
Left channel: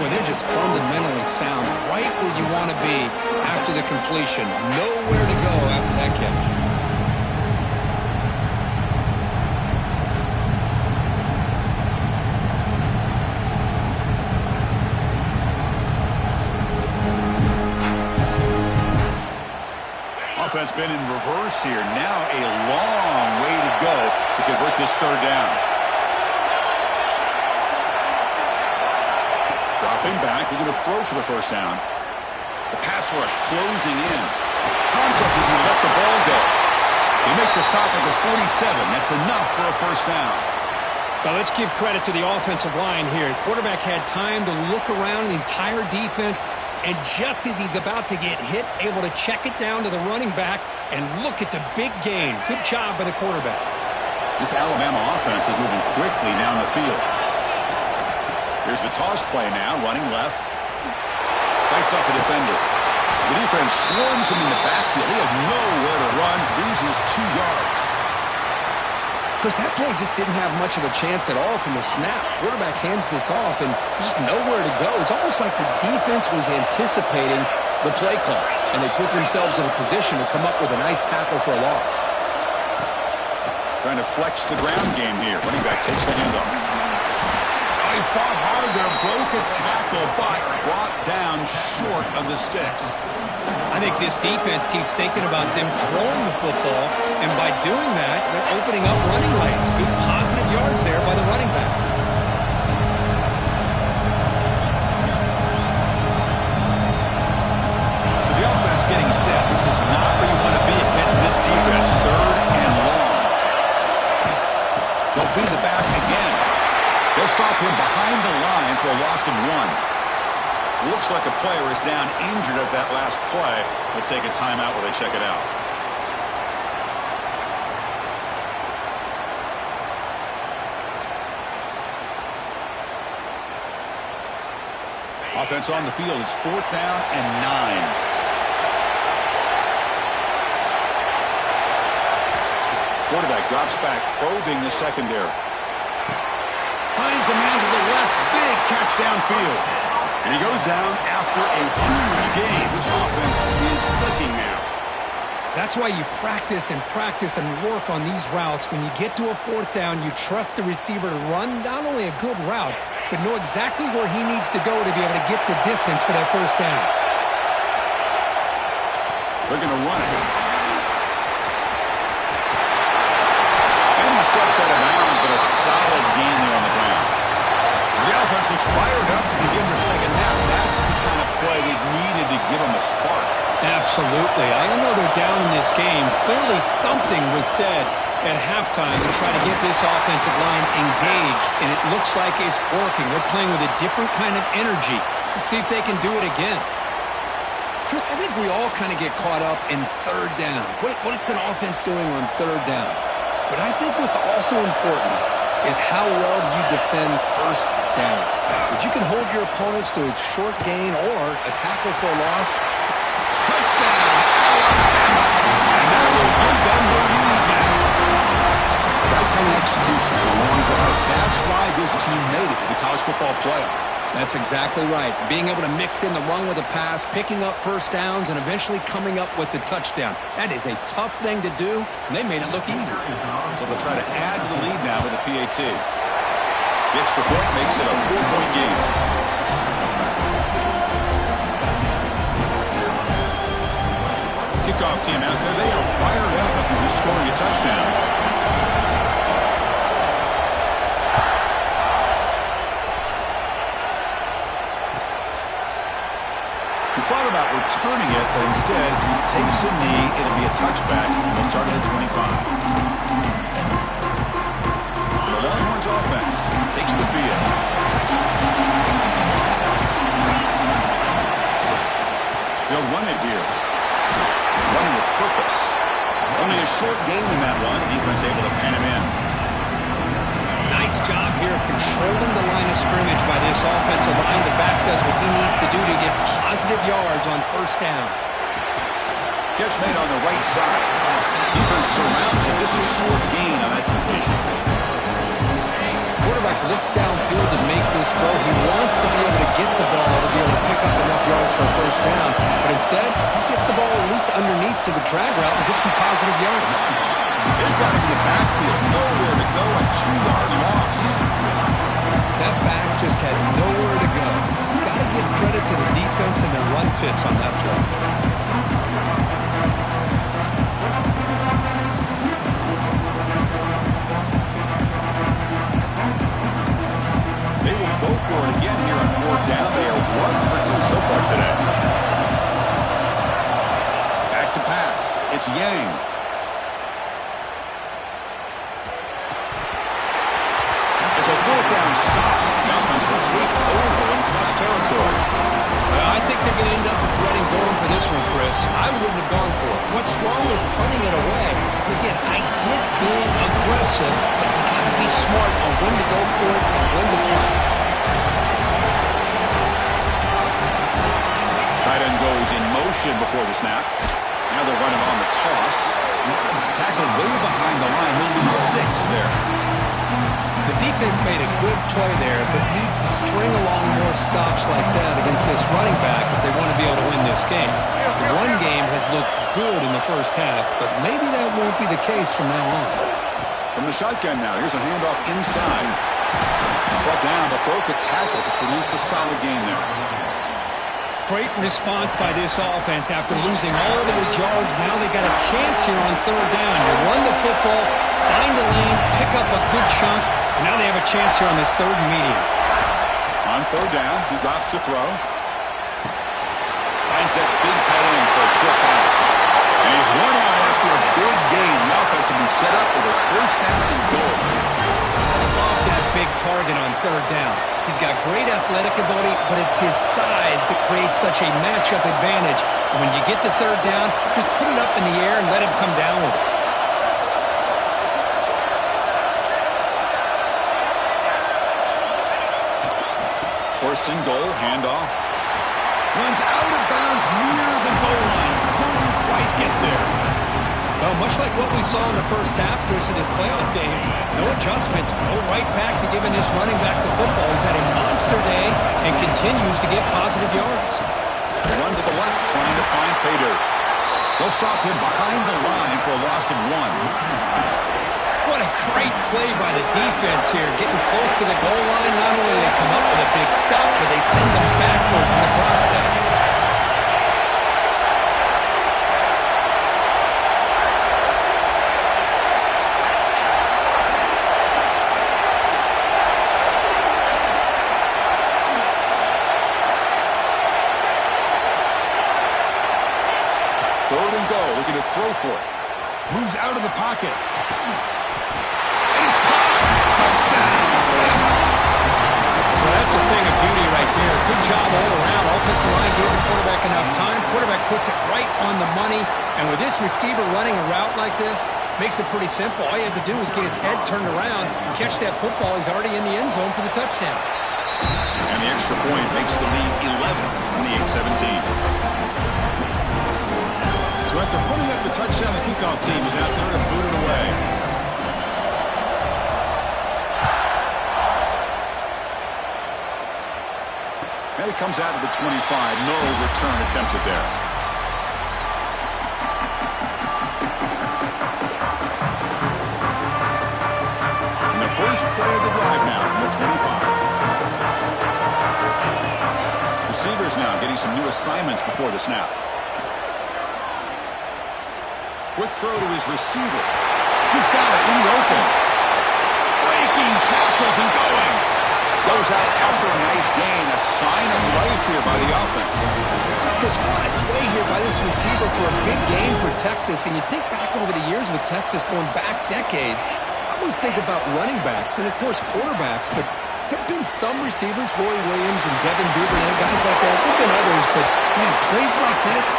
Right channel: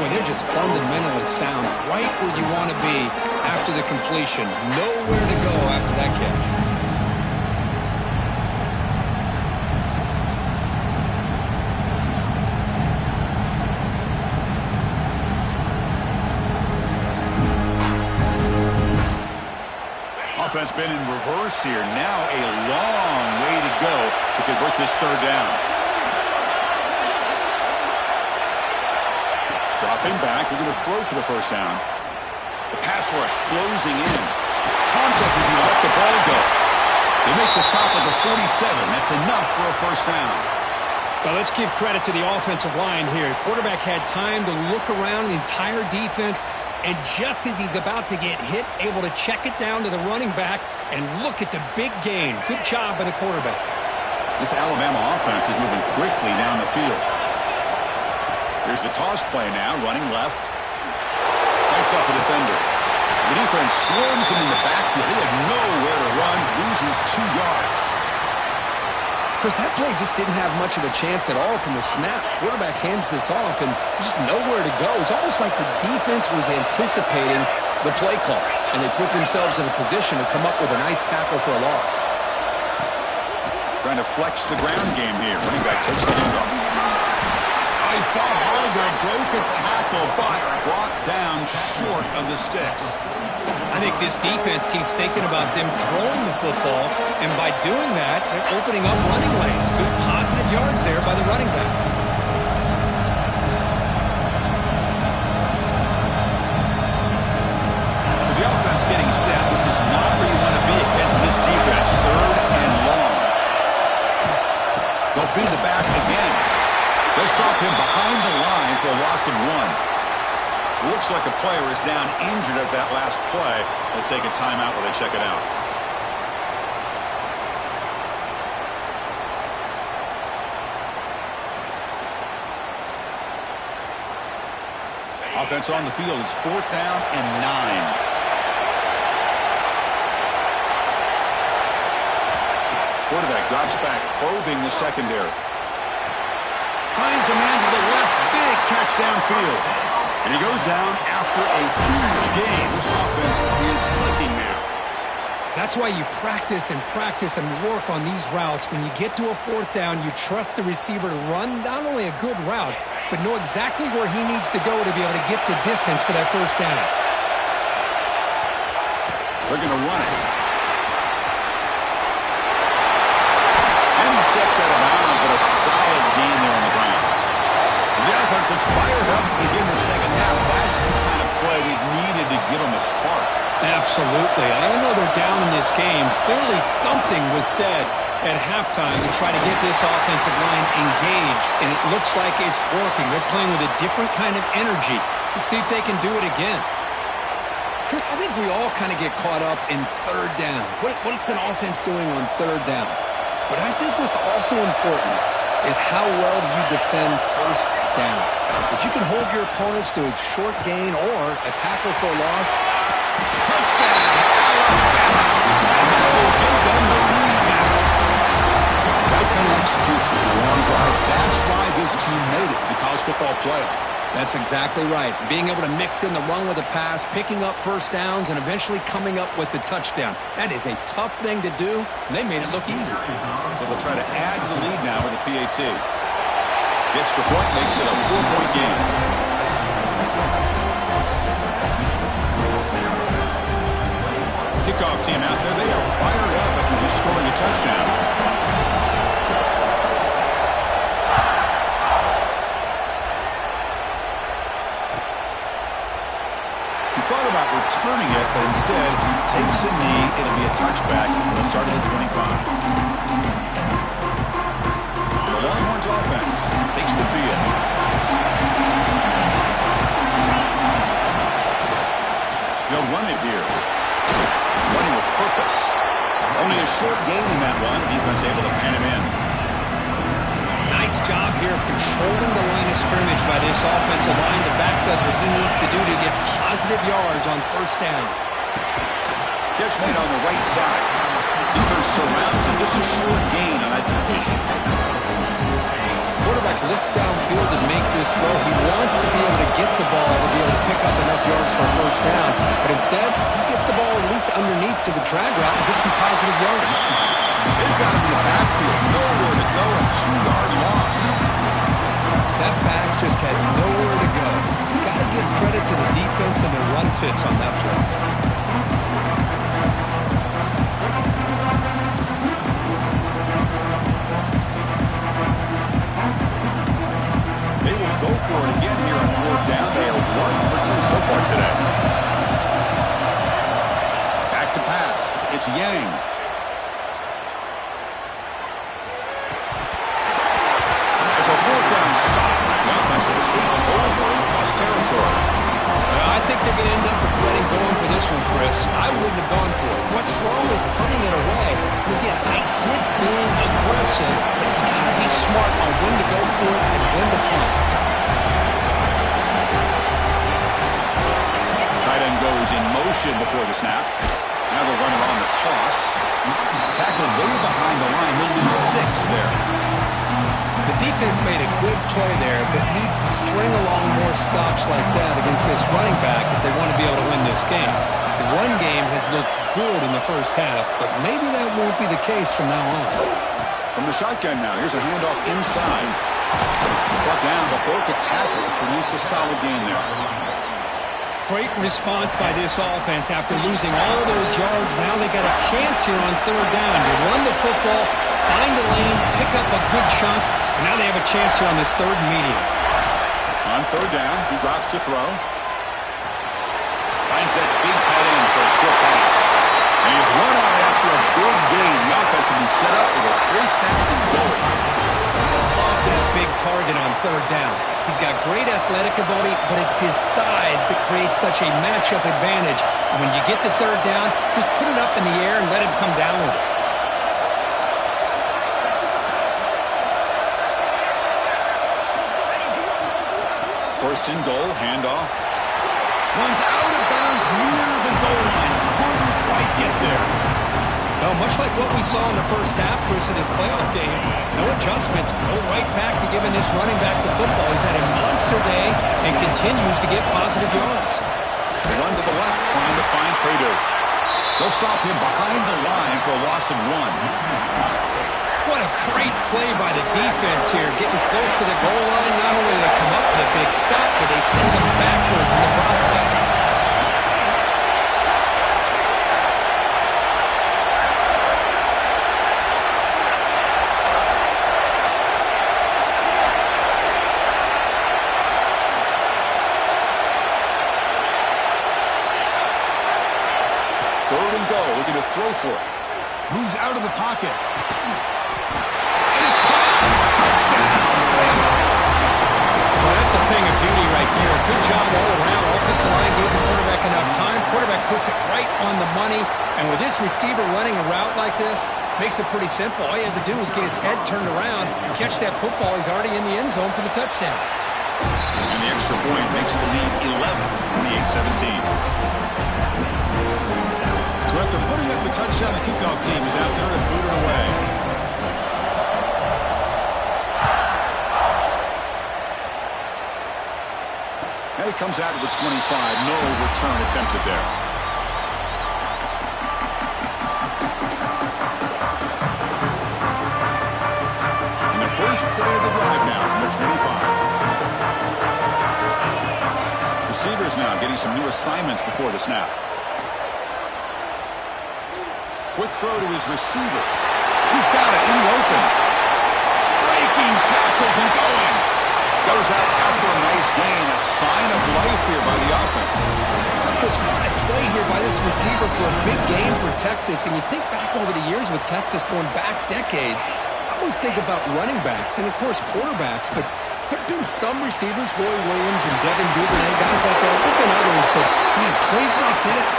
Well, they're just fundamentally sound, right where you want to be after the completion. Nowhere to go after that catch. Offense been in reverse here. Now a long way to go to convert this third down. Dropping back, looking to throw for the first down. The pass rush closing in. Contact is going to let the ball go. They make the stop at the 47. That's enough for a first down. Well, let's give credit to the offensive line here. The quarterback had time to look around. The entire defense And just as he's about to get hit, able to check it down to the running back, and look at the big gain. Good job by the quarterback. This Alabama offense is moving quickly down the field. Here's the toss play now, running left. Fights off a defender. The defense swarms him in the backfield. He had nowhere to run, loses 2 yards. Chris, that play just didn't have much of a chance at all from the snap. Quarterback hands this off, and just nowhere to go. It's almost like the defense was anticipating the play call, and they put themselves in a position to come up with a nice tackle for a loss. Trying to flex the ground game here. Running back takes the handoff. Oh, he fought hard there, broke a tackle, but brought down short of the sticks. I think this defense keeps thinking about them throwing the football, and by doing that, they're opening up running lanes. Good positive yards there by the running back. So the offense getting set. This is not where you want to be against this defense. 3rd and long. They'll feed the back again. They'll stop him behind the line for a loss of 1. Looks like a player is down injured at that last play. They'll take a timeout while they check it out. Offense on the field. It's 4th down and 9. Quarterback drops back, probing the secondary. Finds a man to the left. Big catch downfield. And he goes down after a huge gain. This offense is clicking now. That's why you practice and work on these routes. When you get to a 4th down, you trust the receiver to run not only a good route, but know exactly where he needs to go to be able to get the distance for that 1st down. They're going to run it. And he steps out of bounds, but a solid gain there on the ground. The offense looks fired up to begin the second half. That's the kind of play they needed to give them a spark. Absolutely. I know they're down in this game. Clearly something was said at halftime to try to get this offensive line engaged, and it looks like it's working. They're playing with a different kind of energy. Let's see if they can do it again. Chris, I think we all kind of get caught up in 3rd down. What's an offense doing on 3rd down? But I think what's also important is how well do you defend 1st down. If you can hold your opponents to a short gain or a tackle for a loss. Touchdown, Alabama. And that will give them the lead now. That kind of execution in a long drive, that's why this team made it to the college football playoff. That's exactly right. Being able to mix in the run with the pass, picking up 1st downs, and eventually coming up with the touchdown. That is a tough thing to do, and they made it look easy. So they'll try to add to the lead now with a PAT. The extra point makes it a 4-point game. Kickoff team out there. They are fired up after just scoring a touchdown. He thought about returning it, but instead takes a knee. It'll be a touchback. They'll start at the 25. The Longhorns offense takes the field. They'll run it here. Running with purpose. Only a short gain in that run. Defense able to pan him in. Nice job here of controlling the line of scrimmage by this offensive line. The back does what he needs to do to get positive yards on 1st down. Catch made on the right side. Defense surrounds him. Just a short gain on that completion. Quarterback looks downfield to make this throw. He wants to be able to get the ball to be able to pick up enough yards for a 1st down. But instead, he gets the ball at least underneath to the drag route and get some positive yards. They've got him in the backfield. Nowhere to go. A 2-yard loss. That back just had nowhere to go. Got to give credit to the defense and their run fits on that play. They will go for it again here on 4th down. They are 1 for 2 so far today. Back to pass. It's Yang. It's a 4th down stop. The offense will take over in plus territory. Well, I think they're going to end up regretting going for this one, Chris. I wouldn't have gone for it. What's wrong with punting it away? And again, I get being aggressive, but you got to be smart on when to go for it and when to punt. Tight end goes in motion before the snap. Now they're running on the toss. Tackled way behind the line. He'll lose 6 there. The defense made a good play there, but needs to string along more stops like that against this running back if they want to be able to win this game. The run game has looked good in the first half, but maybe that won't be the case from now on. From the shotgun now, here's a handoff inside. Brought down, but broke a tackle to produce a solid gain there. Great response by this offense after losing all those yards. Now they got a chance here on 3rd down. You run the football, find a lane, pick up a good chunk, and now they have a chance here on this 3rd and medium. On 3rd down, he drops to throw. Finds that big tight end for a short pass. And he's run out after a big gain. The offense will be set up with a 1st down and goal. I love that big target on 3rd down. He's got great athletic ability, but it's his size that creates such a matchup advantage. And when you get to 3rd down, just put it up in the air and let him come down with it. 1st and goal, handoff. Runs out of bounds near the goal line. Couldn't quite get there. Well, much like what we saw in the first half, Chris, in this playoff game, no adjustments, go right back to giving this running back to football. He's had a monster day and continues to get positive yards. Run to the left, trying to find pay dirt. They'll stop him behind the line for a loss of 1. What a great play by the defense here, getting close to the goal line. Not only do they come up with a big stop, but they send them backwards in the process. Looking to throw for it. Moves out of the pocket. And it's caught. Touchdown. Well, that's a thing of beauty right there. Good job all around. Offensive line gave the quarterback enough time. Quarterback puts it right on the money. And with this receiver running a route like this, makes it pretty simple. All you have to do is get his head turned around, catch that football. He's already in the end zone for the touchdown. And the extra point makes the lead 11, 28-17. So after putting up the touchdown, the kickoff team is out there to boot it away. And it comes out to the 25. No return attempted there. And the first play of the drive now from the 25. Receivers now getting some new assignments before the snap. Quick throw to his receiver. He's got it in the open. Breaking tackles and going. Goes out after a nice gain. A sign of life here by the offense. Because what a play here by this receiver for a big game for Texas. And you think back over the years with Texas going back decades, I always think about running backs and, of course, quarterbacks. But there have been some receivers, Roy Williams and Devin Duvernay, guys like that. There have been others, but, man, plays like this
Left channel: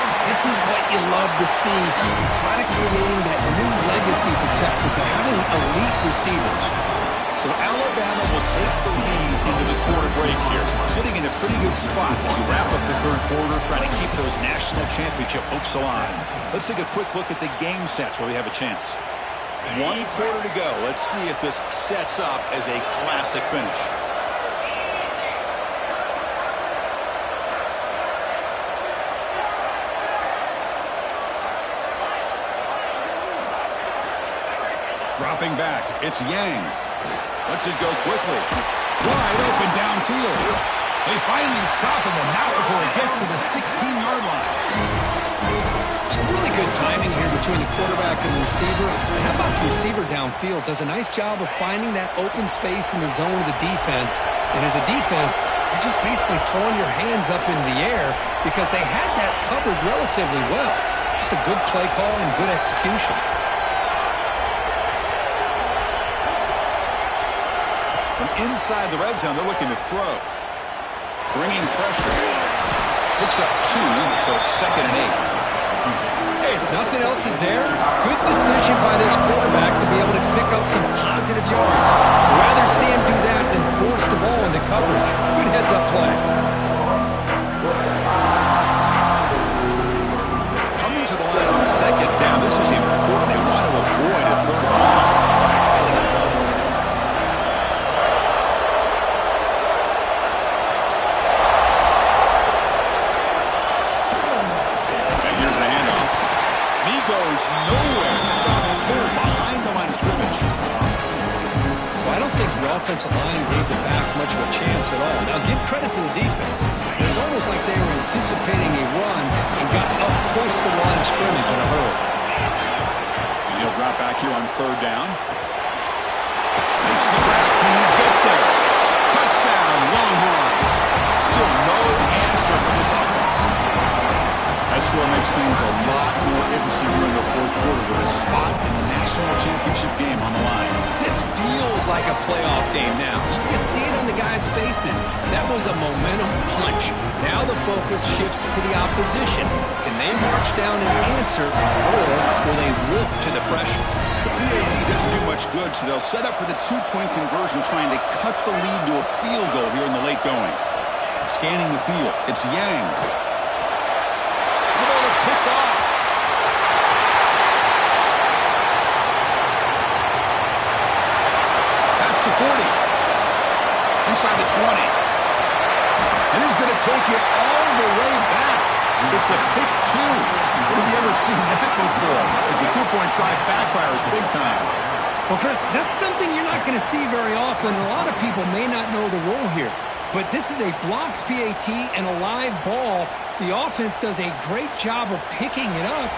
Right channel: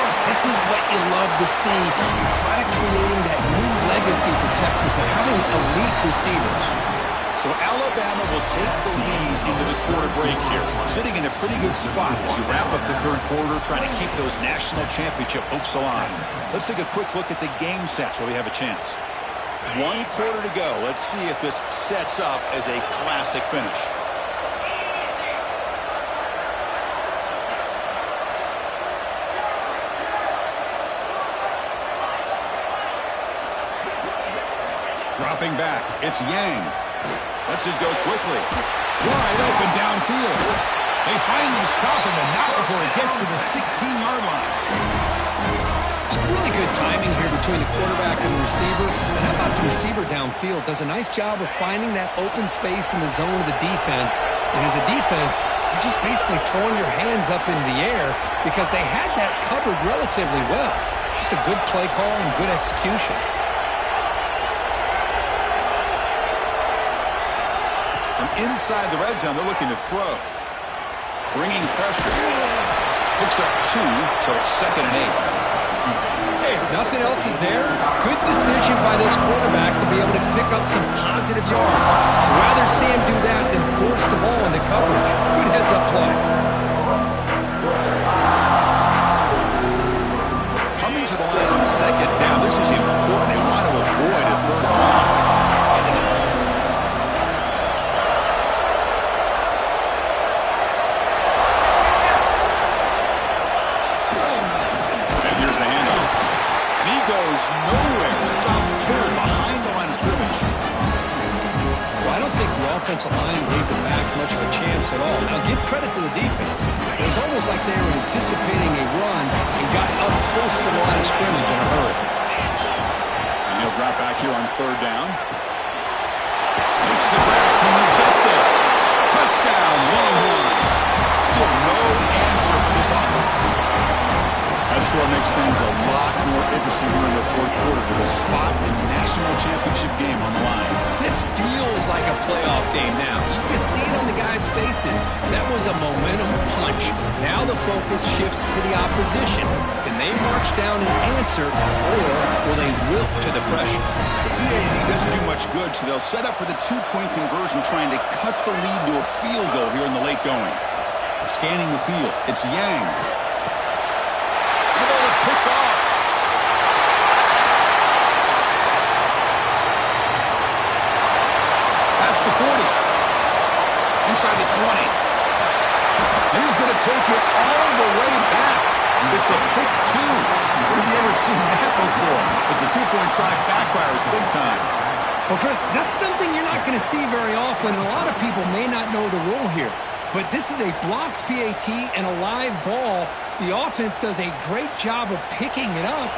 is what you love to see. You're kind of creating that new legacy for Texas of having elite receivers. So Alabama will take the lead into the quarter break here, sitting in a pretty good spot as you wrap up the 3rd quarter, trying to keep those national championship hopes alive. Let's take a quick look at the game sets while we have a chance. 1 quarter to go. Let's see if this sets up as a classic finish. Dropping back, it's Yang. Lets it go quickly. Wide open downfield. They finally stop him, and not before he gets to the 16-yard line. It's really good timing here between the quarterback and the receiver. And how about the receiver downfield? Does a nice job of finding that open space in the zone of the defense. And as a defense, you're just basically throwing your hands up in the air because they had that covered relatively well. Just a good play call and good execution. From inside the red zone, they're looking to throw. Bringing pressure. Picks up 2, so it's 2nd and 8. Hey, if nothing else is there, good decision by this quarterback to be able to pick up some positive yards. Rather see him do that than force the ball into coverage. Good heads-up play. Coming to the line on 2nd down. This is important. They want to avoid a 3rd and long. And here's the handoff. And he goes nowhere. Stop clear behind the line of scrimmage. Well, I don't think the offensive line gave the back much of a chance at all. Now, give credit to the defense. It was almost like they were anticipating a run and got up close to the line of scrimmage in a hurry. And he'll drop back here on 3rd down. Makes the grab. Can he get there? Touchdown, Longhorns. Still no answer for this offense. That score makes things a lot more interesting here in the 4th quarter with a spot in the national championship game on the line. This feels like a playoff game now. You can see it on the guys' faces. That was a momentum punch. Now the focus shifts to the opposition. Can they march down and answer, or will they wilt to the pressure? The PAT doesn't do much good, so they'll set up for the 2-point conversion, trying to cut the lead to a field goal here in the late going. Scanning the field, it's Yang. The ball is picked off. Past the 40. Inside the 20. And he's going to take it all the way back. It's a pick 2. What have you ever seen that before? As the 2-point try backfires big time. Well, Chris, that's something you're not going to see very often. A lot of people may not know the rule here. But this is a blocked PAT and a live ball. The offense does a great job of picking it up,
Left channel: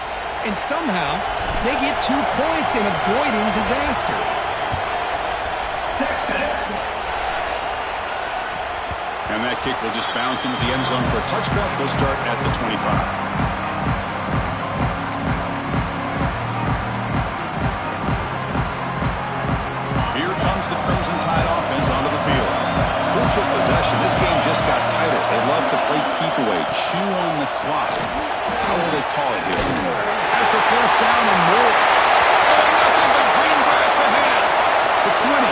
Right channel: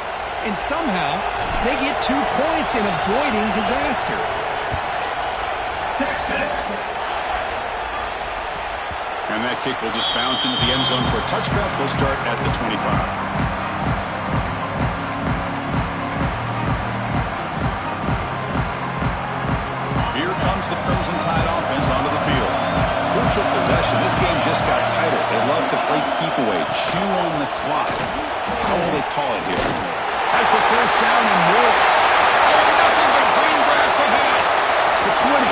and somehow they get 2 points in avoiding disaster. Texas. And that kick will just bounce into the end zone for a touchback. We'll start at the 25. Here comes the Crimson Tide offense onto the field. Crucial possession. This game just got tighter. They love to play keep away, chew on the clock. How will they call it here? Has the 1st down and more. Oh, and nothing but green grass ahead. The 20.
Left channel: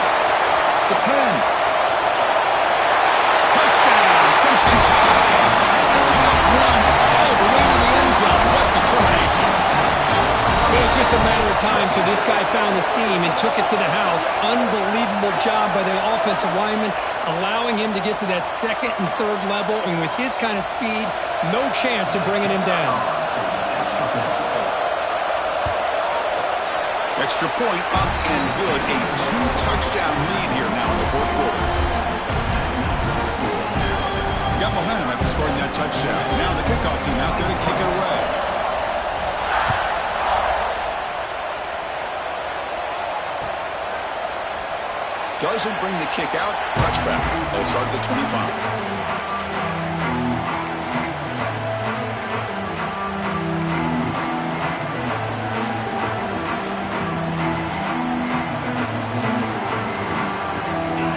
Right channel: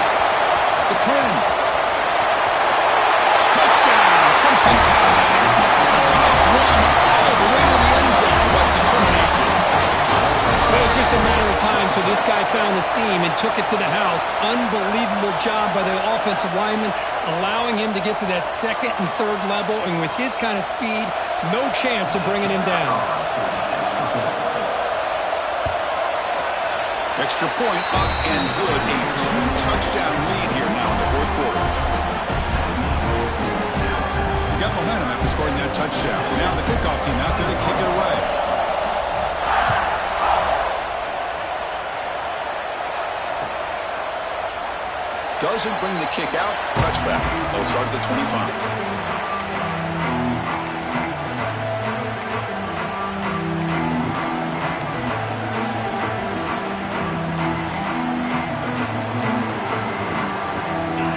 The 10. Touchdown, Crimson Tide. A tough run all the way to the end zone. What determination. It was just a matter of time till this guy found the seam and took it to the house. Unbelievable job by the offensive lineman, allowing him to get to that 2nd and 3rd level, and with his kind of speed, no chance of bringing him down. Extra point up and good. A 2-touchdown lead here now in the 4th quarter. Got momentum after scoring that touchdown. Now the kickoff team out there to kick it away. Doesn't bring the kick out. Touchback. They'll start at the 25.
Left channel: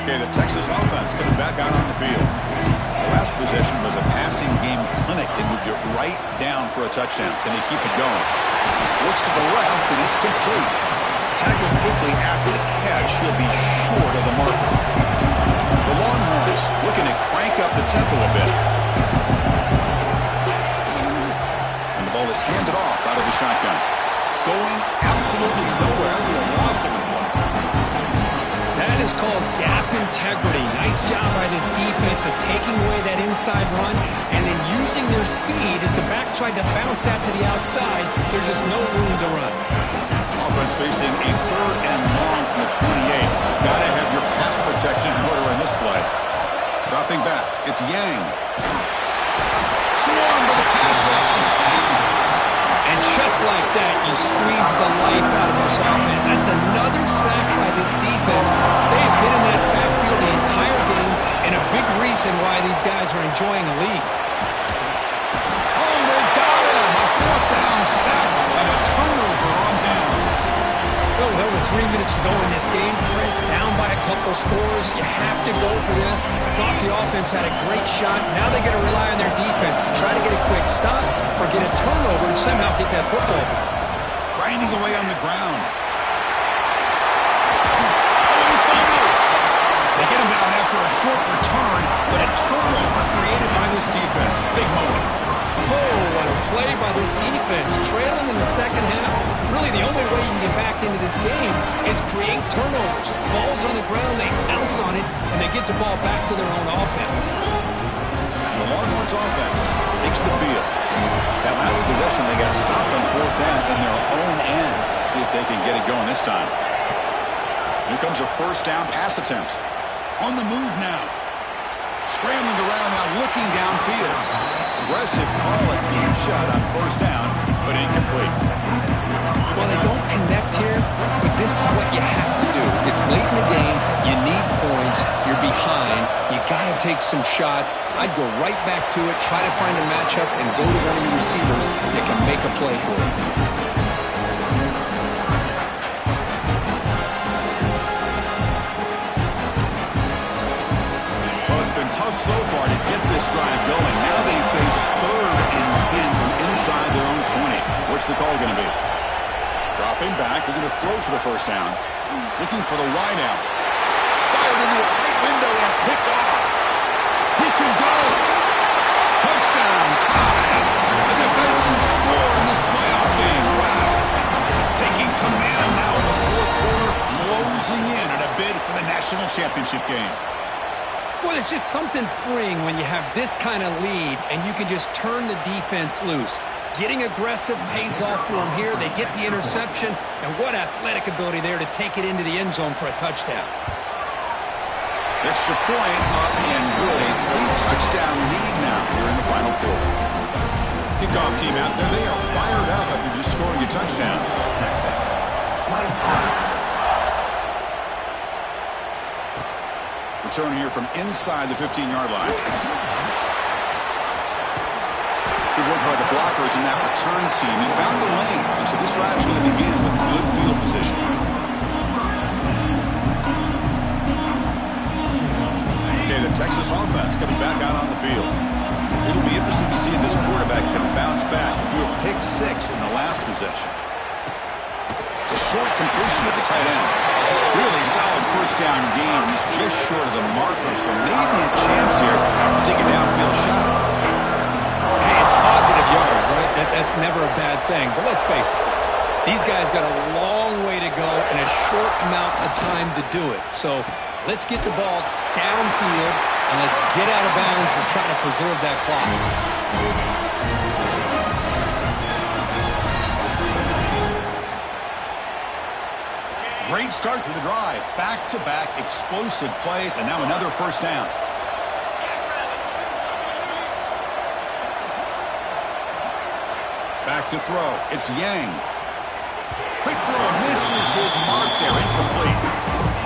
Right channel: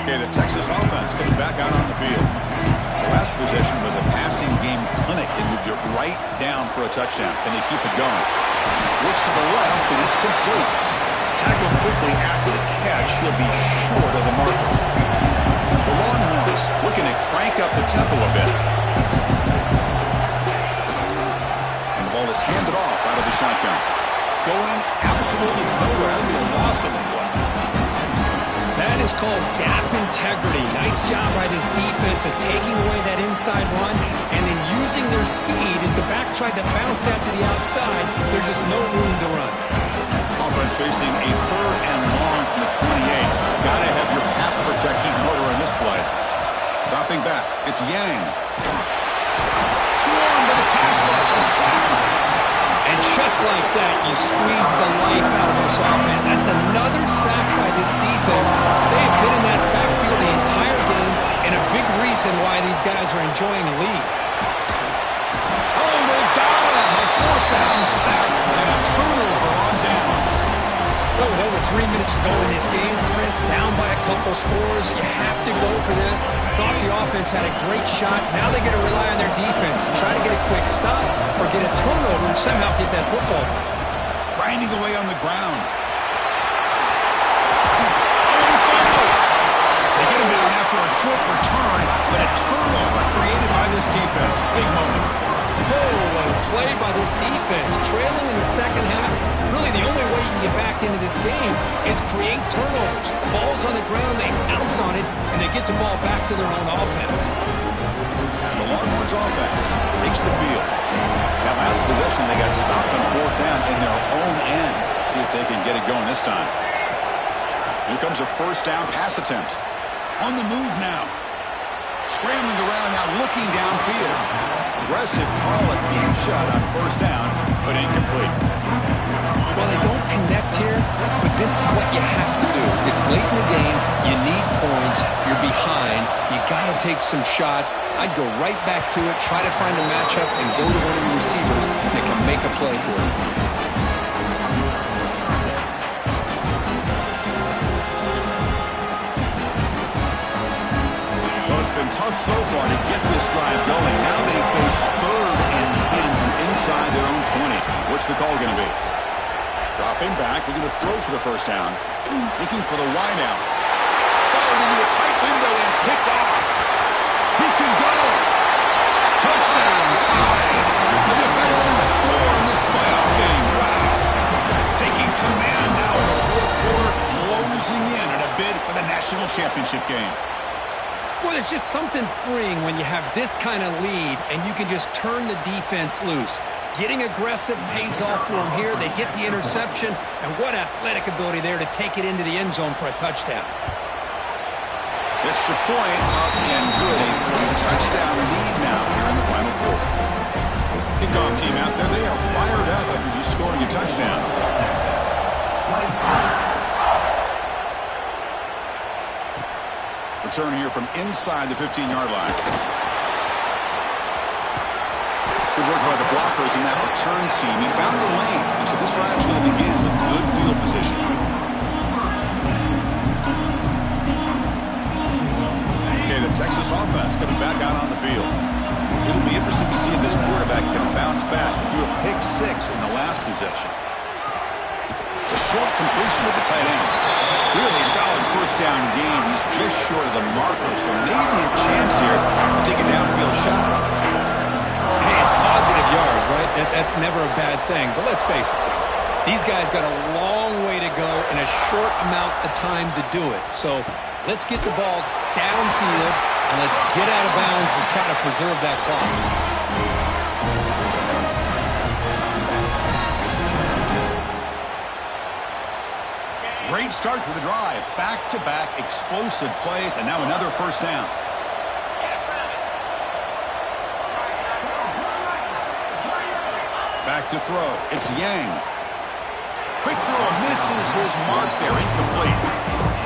Okay, the Texas offense comes back out on the field. The last possession was a passing game clinic. They moved it right down for a touchdown. Can they keep it going? Looks to the left, and it's complete. Tackled quickly after the catch. He'll be short of the marker. The Longhorns looking to crank up the tempo a bit. And the ball is handed off out of the shotgun. Going absolutely nowhere. That'll be a loss of the play. That is called gap integrity. Nice job by this defense of taking away that inside run and then using their speed as the back tried to bounce that to the outside. There's just no room to run. Offense facing a 3rd and long from the 28. Got to have your pass protection in order in this play. Dropping back, it's Yang. Swarmed by the pass rush, a sack. And just like that, you squeeze the life out of this offense. That's another sack by this defense. They have been in that backfield the entire game, and a big reason why these guys are enjoying a lead. Oh, they've got him. A 4th down sack and a turnover on downs. Well, with over 3 minutes to go in this game, Chris, down by a couple scores, you have to go for this. Thought the offense had a great shot. Now they got to rely on their defense to try to get a quick stop or get a turnover and somehow get that football back. Grinding away on the ground. Oh, and he fumbles. They get him down after a short return, but a turnover created by this defense. Big moment. Oh, what a play by this defense. Trailing in the second half, really the only way you can get back into this game is create turnovers. Ball's on the ground, they pounce on it, and they get the ball back to their own offense. The Longhorns offense takes the field. That last possession, they got stopped on fourth down in their own end. Let's see if they can get it going this time. Here comes a first down pass attempt. On the move now. Scrambling around now, looking downfield. Aggressive call, a deep shot on first down, but incomplete. Well, they don't connect here, but this is what you have to do. It's late in the game. You need points. You're behind. You got to take some shots. I'd go right back to it, try to find a matchup, and go to one of your receivers that can make a play for you. Been tough so far to get this drive going. Now they face 3rd and 10 from inside their own 20. What's the call going to be? Dropping back, looking to throw for the first down. Looking for the wide out. Fired into a tight window and picked off. He could go. Touchdown, tie. A defensive score in this playoff game. Wow. Taking command now in the fourth quarter, closing in on a bid for the national championship game. Well, it's just something freeing when you have this kind of lead and you can just turn the defense loose. Getting aggressive pays off for them here. They get the interception, and what athletic ability there to take it into the end zone for a touchdown. Extra point up and good. A 3-touchdown lead now here in the final quarter. Kickoff team out there. They are fired up after just scoring a touchdown. Return here from inside the 15-yard line. Good work by the blockers in that return team. He found the lane, and so this drive is going to begin with good field position. Okay, the Texas offense comes back out on the field. It'll be interesting to see if this quarterback can bounce back. He threw a pick 6 in the last possession. A short completion at the tight end. Really solid first down gain. He's just short of the marker, so maybe a chance here to take a downfield shot. Hey, it's positive yards, right? That's never a bad thing. But let's face it, these guys got a long way to go and a short amount of time to do it. So let's get the ball downfield and let's get out of bounds to try to preserve that clock. Great start to the drive. Back-to-back explosive plays, and now another first down. Back to throw. It's Yang. Quick throw misses his mark there. Incomplete.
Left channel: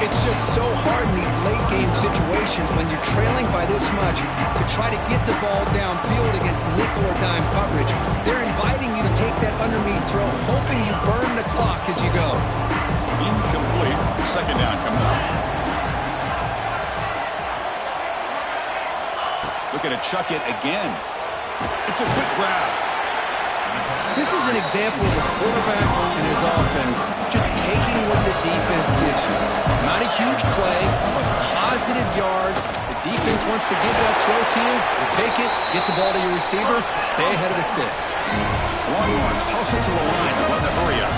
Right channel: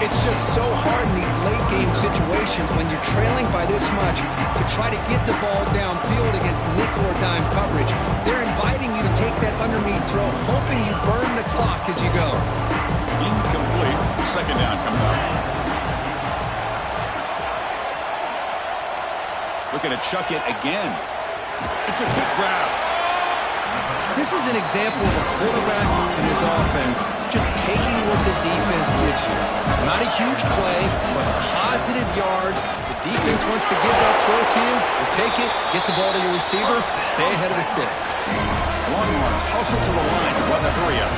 It's just so hard in these late-game situations when you're trailing by this much to try to get the ball downfield against nickel or dime coverage. They're inviting you to take that underneath throw, hoping you burn the clock as you go. Incomplete. Second down coming up. Looking to chuck it again. It's a quick grab. This is an example of a quarterback and his offense just taking what the defense gives you. Not a huge play, but positive yards. The defense wants to give that throw to you. You take it, get the ball to your receiver, stay ahead of the sticks. Longhorns hustle to the line to run the hurry up.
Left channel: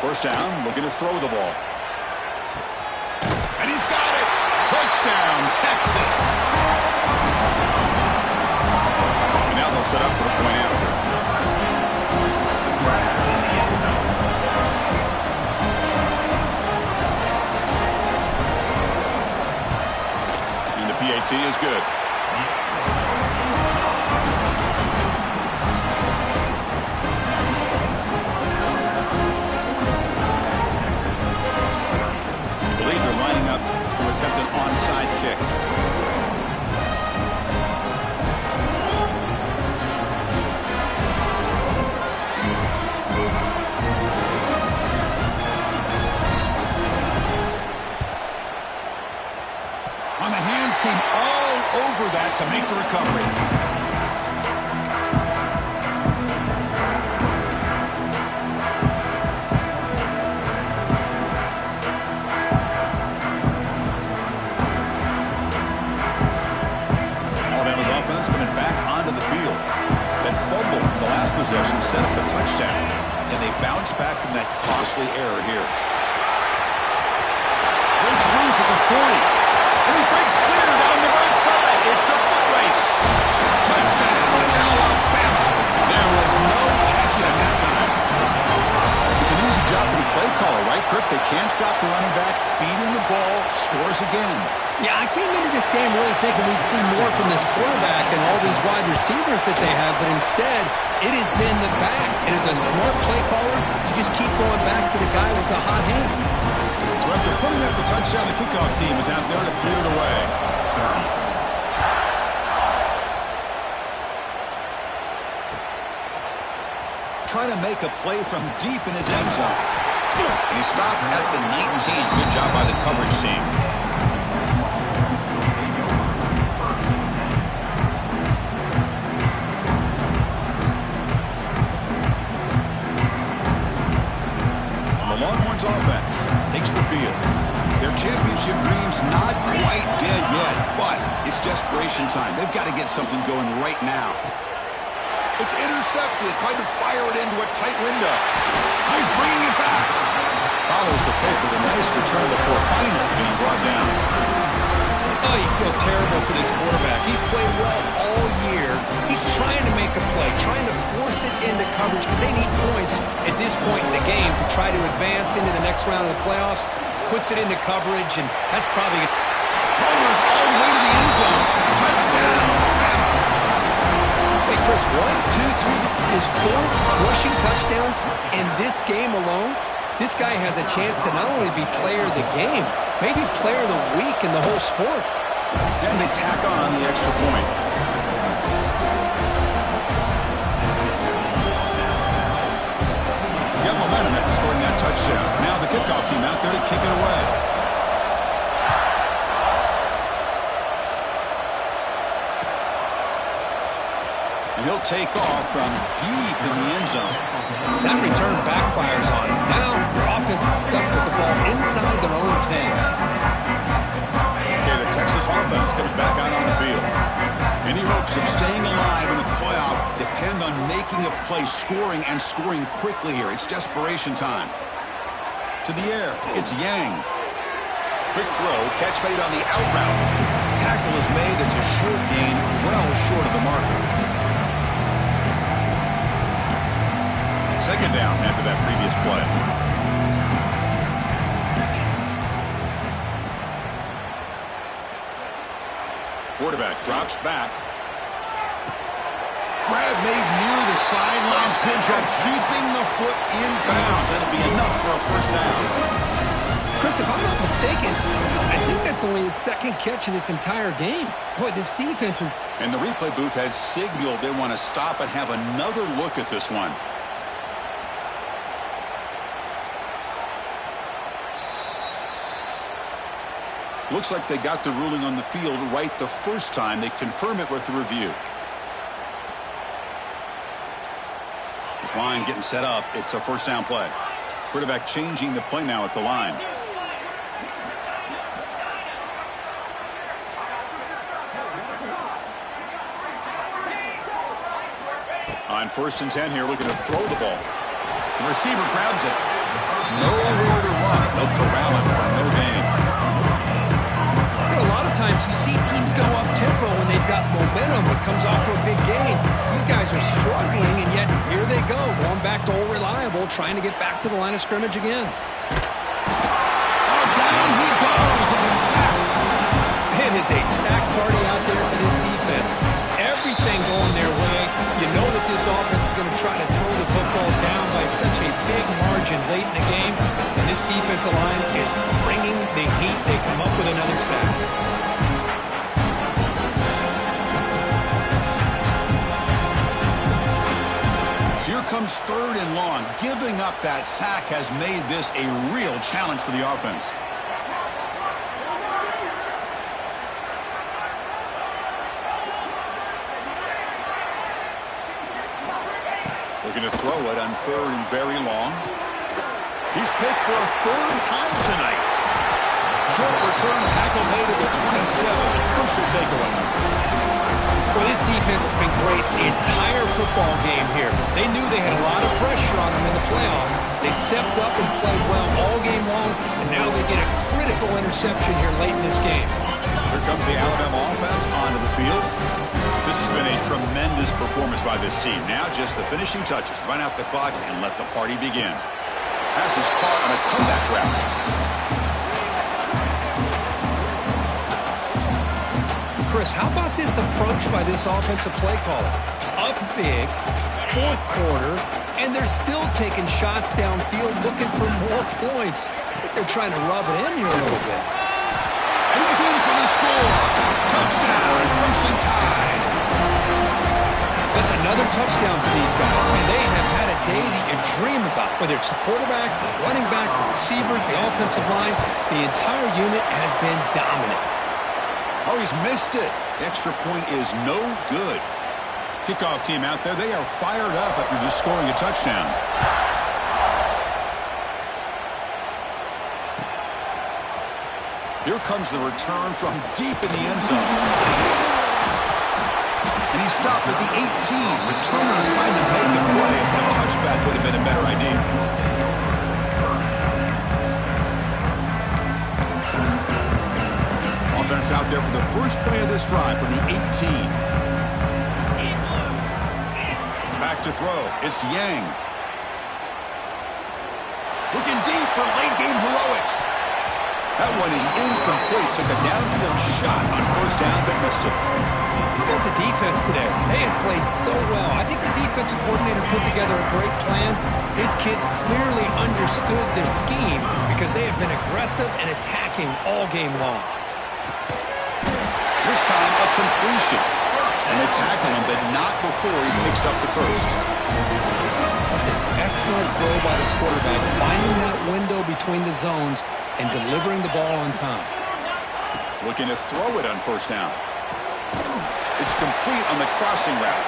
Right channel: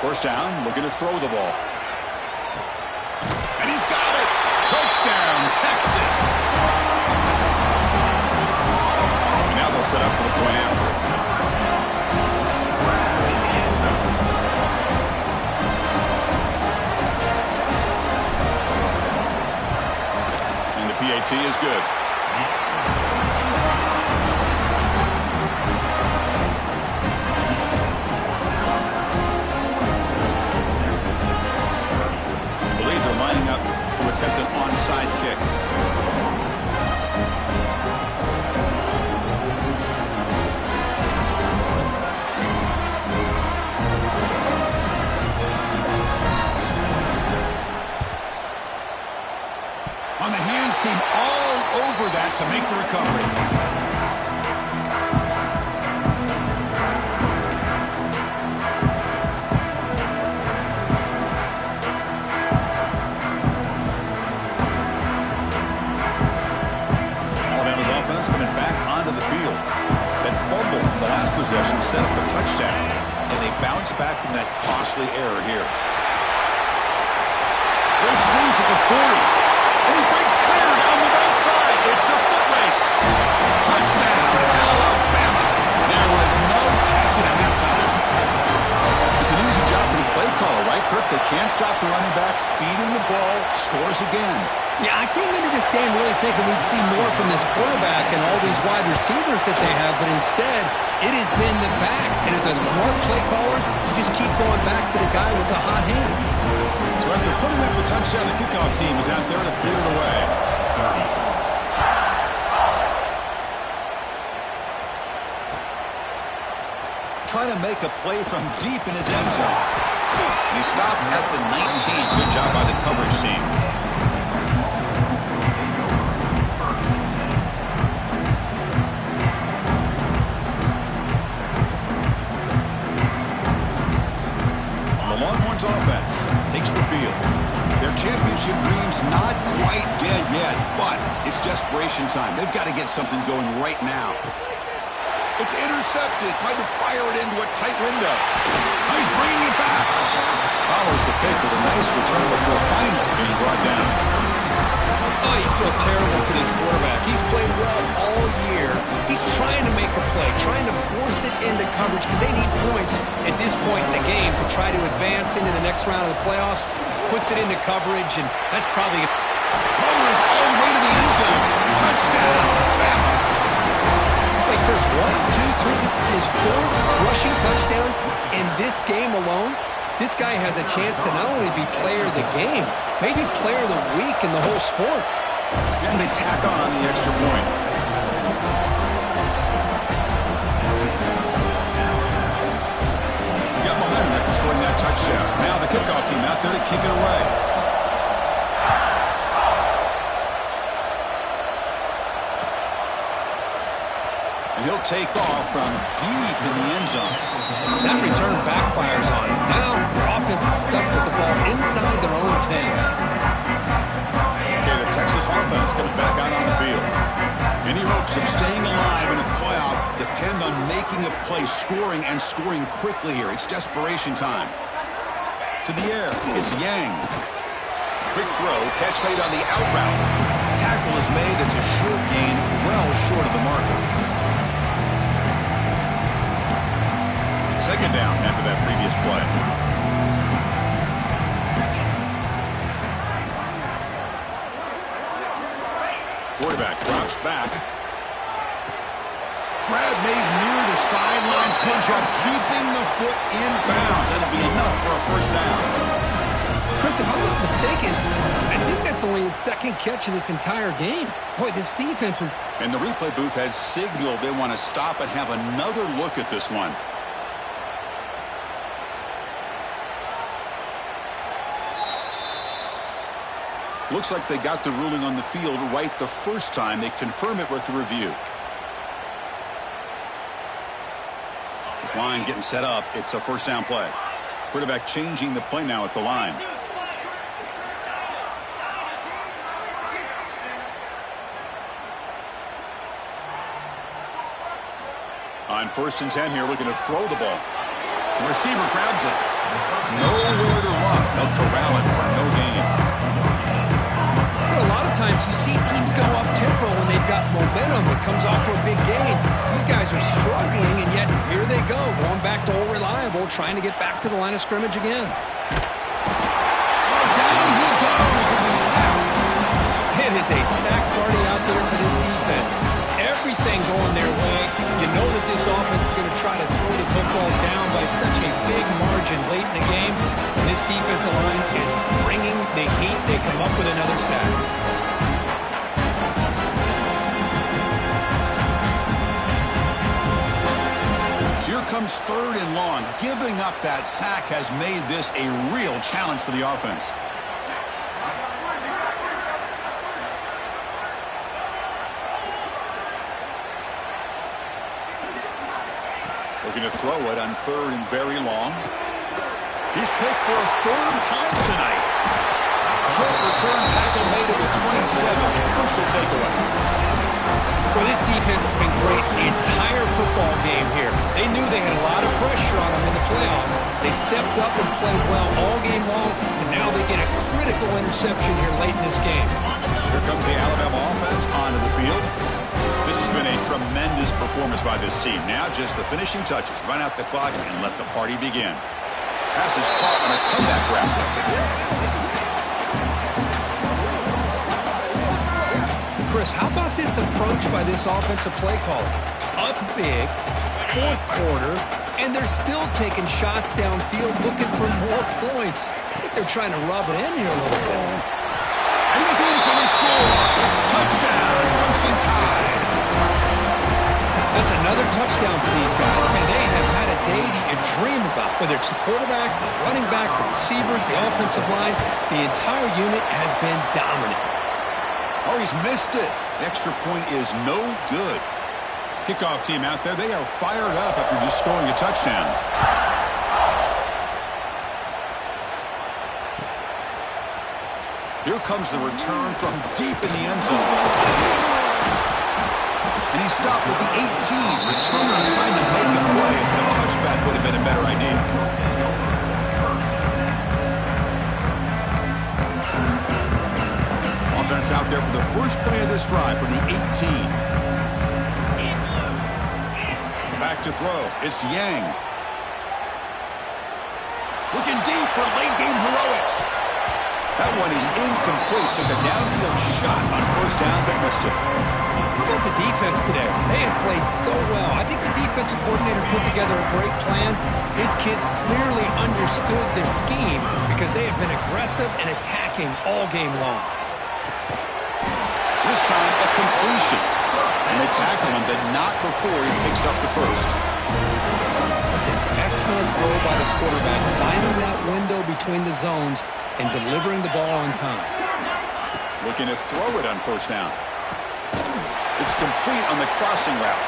First down, looking to throw the ball. And he's got it! Touchdown, Texas! And now they'll set up for the point after. And the PAT is good. Lining up to attempt an onside kick. all over that to make the recovery. Alabama's offense coming back onto the field. That fumble in the last possession set up a touchdown, and they bounce back from that costly error here. Great swings at the 40. And he breaks clear down the right side. It's a foot race. Touchdown, Alabama. There was no catching him that time. It's an easy job for the play caller, right, Kirk? They can't stop the running back, feed him the ball, scores again. Yeah, I came into this game really thinking we'd see more from this quarterback and all these wide receivers that they have, but instead, it has been the back. And as a smart play caller, you just keep going back to the guy with the hot hand. So after putting up a touchdown, the kickoff team is out there to clear it away. Trying to make a play from deep in his end zone. And he stopped at the 19. Good job by the coverage team. Longhorns offense takes the field. Their championship dreams not quite dead yet, but it's desperation time. They've got to get something going right now. It's intercepted, tried to fire it into a tight window. Now he's bringing it back. Follows the pick with a nice return before finally being brought down. Oh, you feel terrible for this quarterback. He's played well all year. He's trying to make a play, trying to force it into coverage because they need points at this point in the game to try to advance into the next round of the playoffs. Puts it into coverage, and that's probably going to... Rollers all the way to the end zone. Touchdown, Bama. Wait, Chris, 1, 2, 3. This is his 4th rushing touchdown in this game alone. This guy has a chance to not only be player of the game, maybe player of the week in the whole sport. And they tack on the extra point. Got momentum after scoring that touchdown. Now the kickoff team out there to kick it away. And he'll take off from deep in the end zone. That return backfires on him. Now their offense is stuck with the ball inside their own 10. Okay, the Texas offense comes back out on the field. Any hopes of staying alive in a playoff depend on making a play, scoring, and scoring quickly here. It's desperation time. To the air, it's Yang. Quick throw, catch made on the out route. Tackle is made, it's a short gain, well short of the marker. Second down after that previous play. Quarterback drops back. Grab made near the sidelines. Good job keeping the foot in bounds. That'll be enough for a first down. Chris, if I'm not mistaken, I think that's only his 2nd catch of this entire game. Boy, this defense is... And the replay booth has signaled they want to stop and have another look at this one. Looks like they got the ruling on the field right the first time. They confirm it with the review. This line getting set up. It's a first down play. Quarterback changing the play now at the line. On 1st and 10 here, looking to throw the ball. The receiver grabs it. Nowhere to run. They'll corral it for no gain. A lot of times you see teams go up tempo when they've got momentum. It comes off to a big gain. These guys are struggling, and yet here they go, going back to old reliable, trying to get back to the line of scrimmage again. Oh, down he goes. It's a sack. It is a sack party out there for this defense. Everything going their way. You know that this offense is going to try to throw the football down by such a big margin late in the game. And this defensive line is bringing the heat. They come up with another sack. So here comes 3rd and long. Giving up that sack has made this a real challenge for the offense. Looking to throw it on 3rd and very long. He's picked for a 3rd time tonight. Short return tackle made at the 27. Crucial takeaway. Well, this defense has been great the entire football game here. They knew they had a lot of pressure on them in the playoff. They stepped up and played well all game long, and now they get a critical interception here late in this game. Here comes the Alabama offense onto the field. This has been a tremendous performance by this team. Now just the finishing touches. Run out the clock and let the party begin. Pass is caught on a comeback route. Chris, how about this approach by this offensive play caller? Up big, 4th quarter, and they're still taking shots downfield looking for more points. I think they're trying to rub it in here a little bit. And he's in for the score. Touchdown, Crimson Tide. That's another touchdown for these guys. Man, they have had a day that you dream about. Whether it's the quarterback, the running back, the receivers, the offensive line, the entire unit has been dominant. Oh, he's missed it. The extra point is no good. Kickoff team out there, they are fired up after just scoring a touchdown. Here comes the return from deep in the end zone. And he stopped with the 18. Returner trying to make a play. A touchback would have been a better idea. Offense out there for the first play of this drive from the 18. Back to throw. It's Yang. Looking deep for late game heroics. That one is incomplete. Took a downfield shot on 1st down, but missed it. How about the defense today? They have played so well. I think the defensive coordinator put together a great plan. His kids clearly understood their scheme because they have been aggressive and attacking all game long. This time, a completion. And they tackle him, but not before he picks up the first. That's an excellent throw by the quarterback, finding that window between the zones and delivering the ball on time. Looking to throw it on 1st down. It's complete on the crossing route.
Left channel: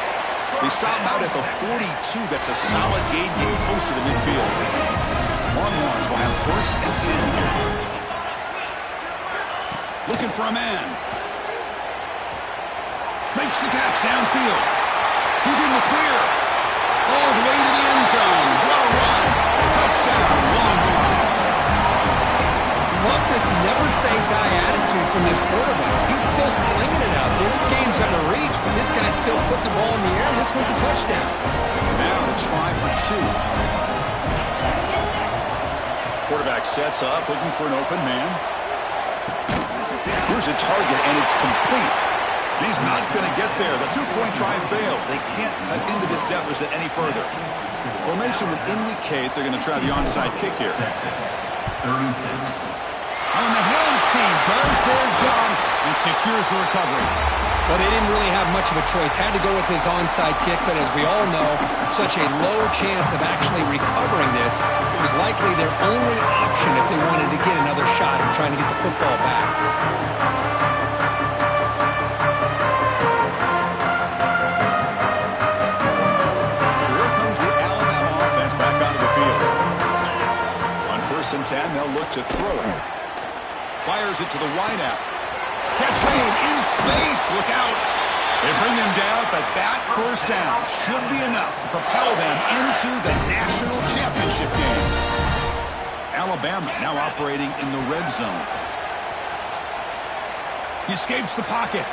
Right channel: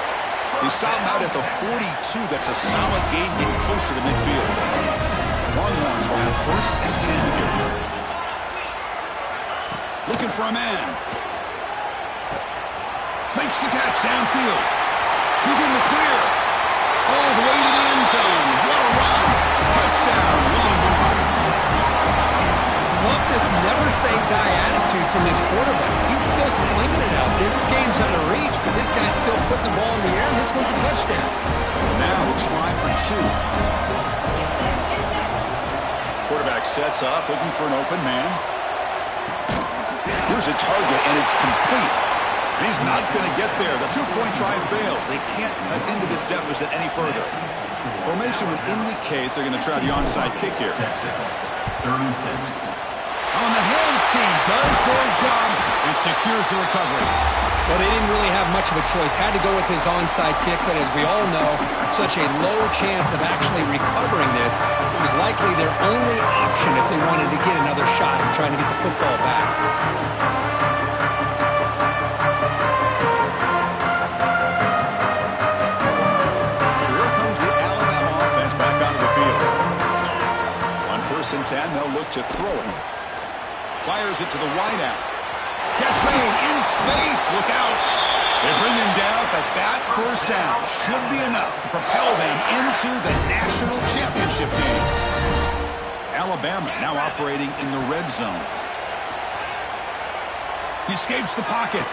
They stop him out at the 42. That's a solid gain, getting closer to midfield. Longhorns will have 1st and 10 here. Looking for a man. Makes the catch downfield. He's in the clear. All the way to the end zone. What a run. Touchdown, Longhorns. Love this never-say-die attitude from this quarterback. He's still slinging it out there. This game's out of reach, but this guy's still putting the ball in the air, and this one's a touchdown. Now the try for 2. Quarterback sets up, looking for an open man. Here's a target, and it's complete. And he's not going to get there. The 2-point try fails. They can't cut into this deficit any further. Formation would indicate they're going to try the onside kick here. 36. On the hands team does their job and secures the recovery. Well, they didn't really have much of a choice. Had to go with his onside kick, but as we all know, such a low chance of actually recovering this. It was likely their only option if they wanted to get another shot and trying to get the football back. And 10, they'll look to throw it. Fires it to the wideout. Catch made in space. Look out. They bring him down, but that 1st down should be enough to propel them into the national championship game. Alabama now operating in the red zone. He escapes the pocket.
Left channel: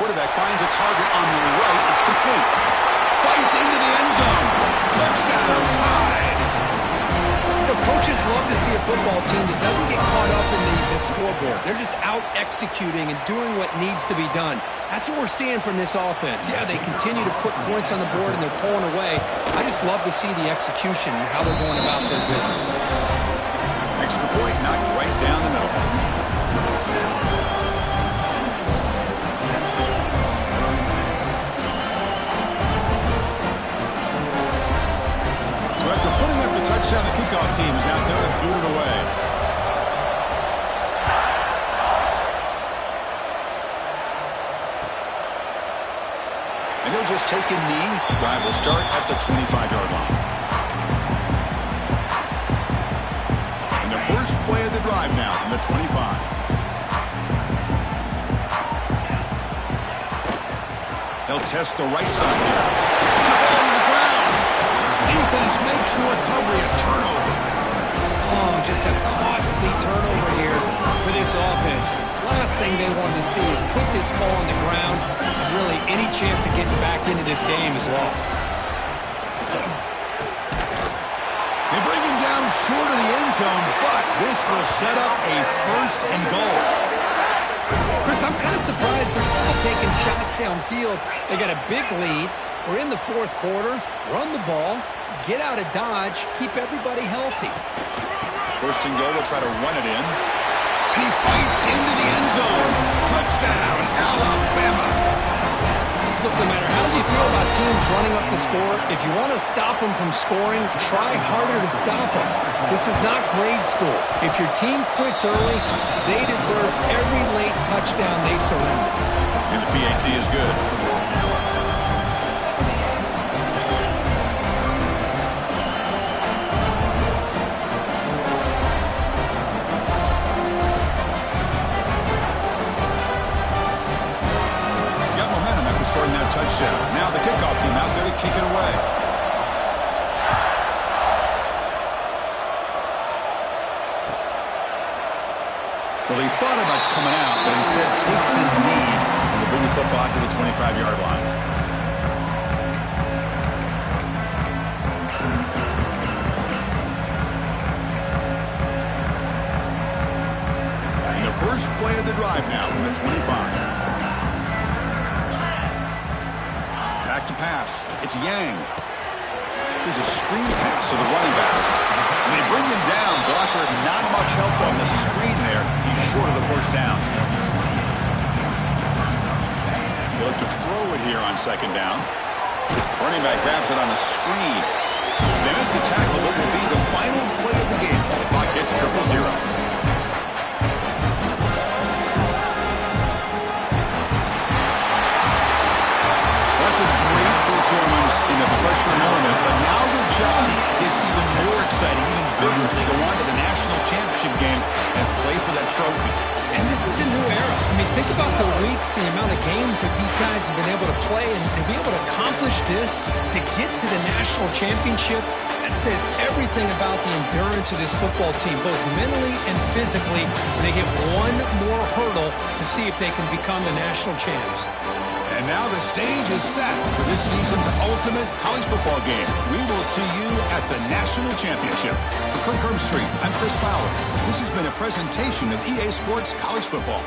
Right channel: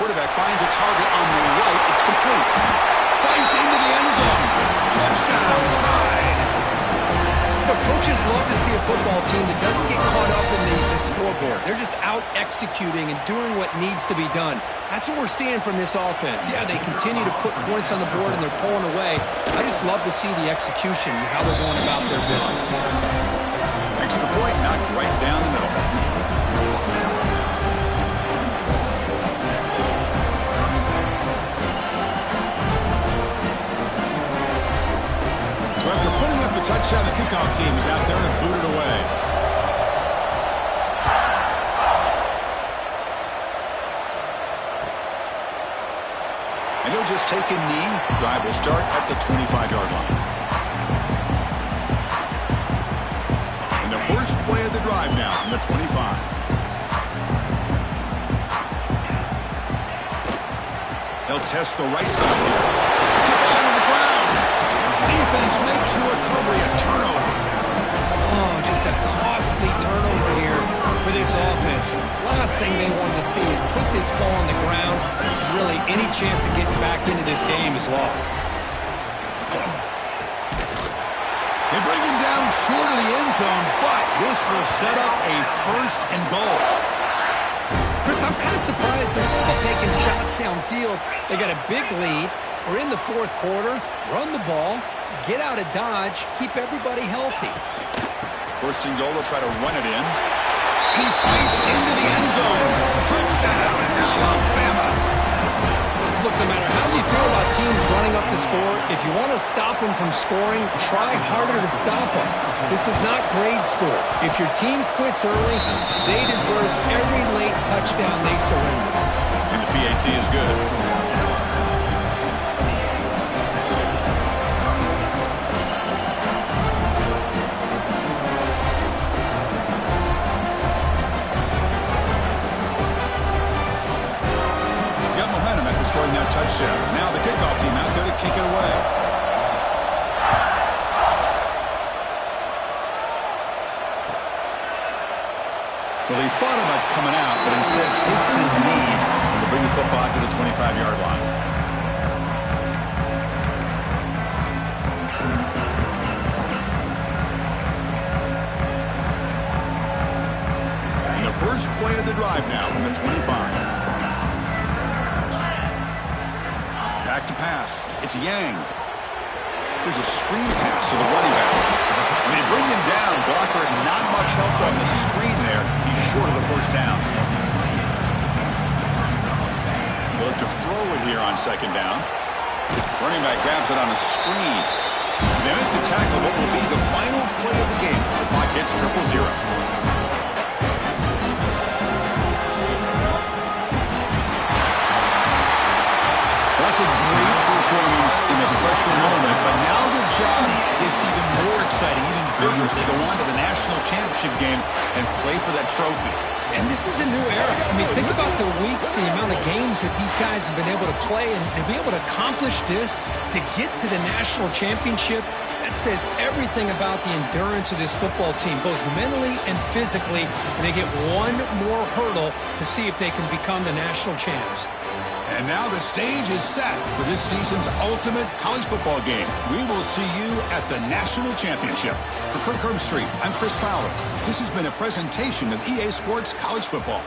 Quarterback finds a target on the right. It's complete. Fights into the end zone. Touchdown, Tide. Coaches love to see a football team that doesn't get caught up in the scoreboard. They're just out executing and doing what needs to be done. That's what we're seeing from this offense. Yeah, they continue to put points on the board and they're pulling away. I just love to see the execution and how they're going about their business. Extra point knocked right down the middle. So after putting up a touchdown, the kickoff team is out there to boot it away. And he'll just take a knee. Drive will start at the 25-yard line. And the first play of the drive now from the 25. They'll test the right side here. The ball to the ground. Defense makes the recovery a turnover. Oh, just a costly turnover here for this offense. Last thing they wanted to see is put this ball on the ground, and really any chance of getting back into this game is lost. They bring him down short of the end zone, but this will set up a first and goal. Chris, I'm kind of surprised they're still taking shots downfield. They got a big lead. We're in the fourth quarter. Run the ball, get out of Dodge, keep everybody healthy. First and goal, they'll try to run it in. And he fights into the end zone. Touchdown, Alabama. Look, no matter how you feel about teams running up the score, if you want to stop them from scoring, try harder to stop them. This is not grade school. If your team quits early, they deserve every late touchdown they surrender. And the PAT is good. Scoring that touchdown. Now the kickoff team out there to kick it away. Well, he thought about coming out, but instead takes a knee to bring the football to the 25-yard line. And the first play of the drive now from the 25. Back to pass. It's Yang. Here's a screen pass to the running back. And they bring him down. Blocker has not much help on the screen there. He's short of the first down. They'll look to throw it here on second down. Running back grabs it on a screen. So they make the tackle what will be the final play of the game as the clock hits 0-0. That's a great performance in the pressure moment, but now the job gets even more exciting, even bigger as they go on to the national championship game and play for that trophy. And this is a new era. I mean, think about the weeks, the amount of games that these guys have been able to play, and to be able to accomplish this, to get to the national championship, that says everything about the endurance of this football team, both mentally and physically. And they get one more hurdle to see if they can become the national champs. And now the stage is set for this season's ultimate college football game. We will see you at the National Championship. For Kirk Herbstreit, I'm Chris Fowler. This has been a presentation of EA Sports College Football.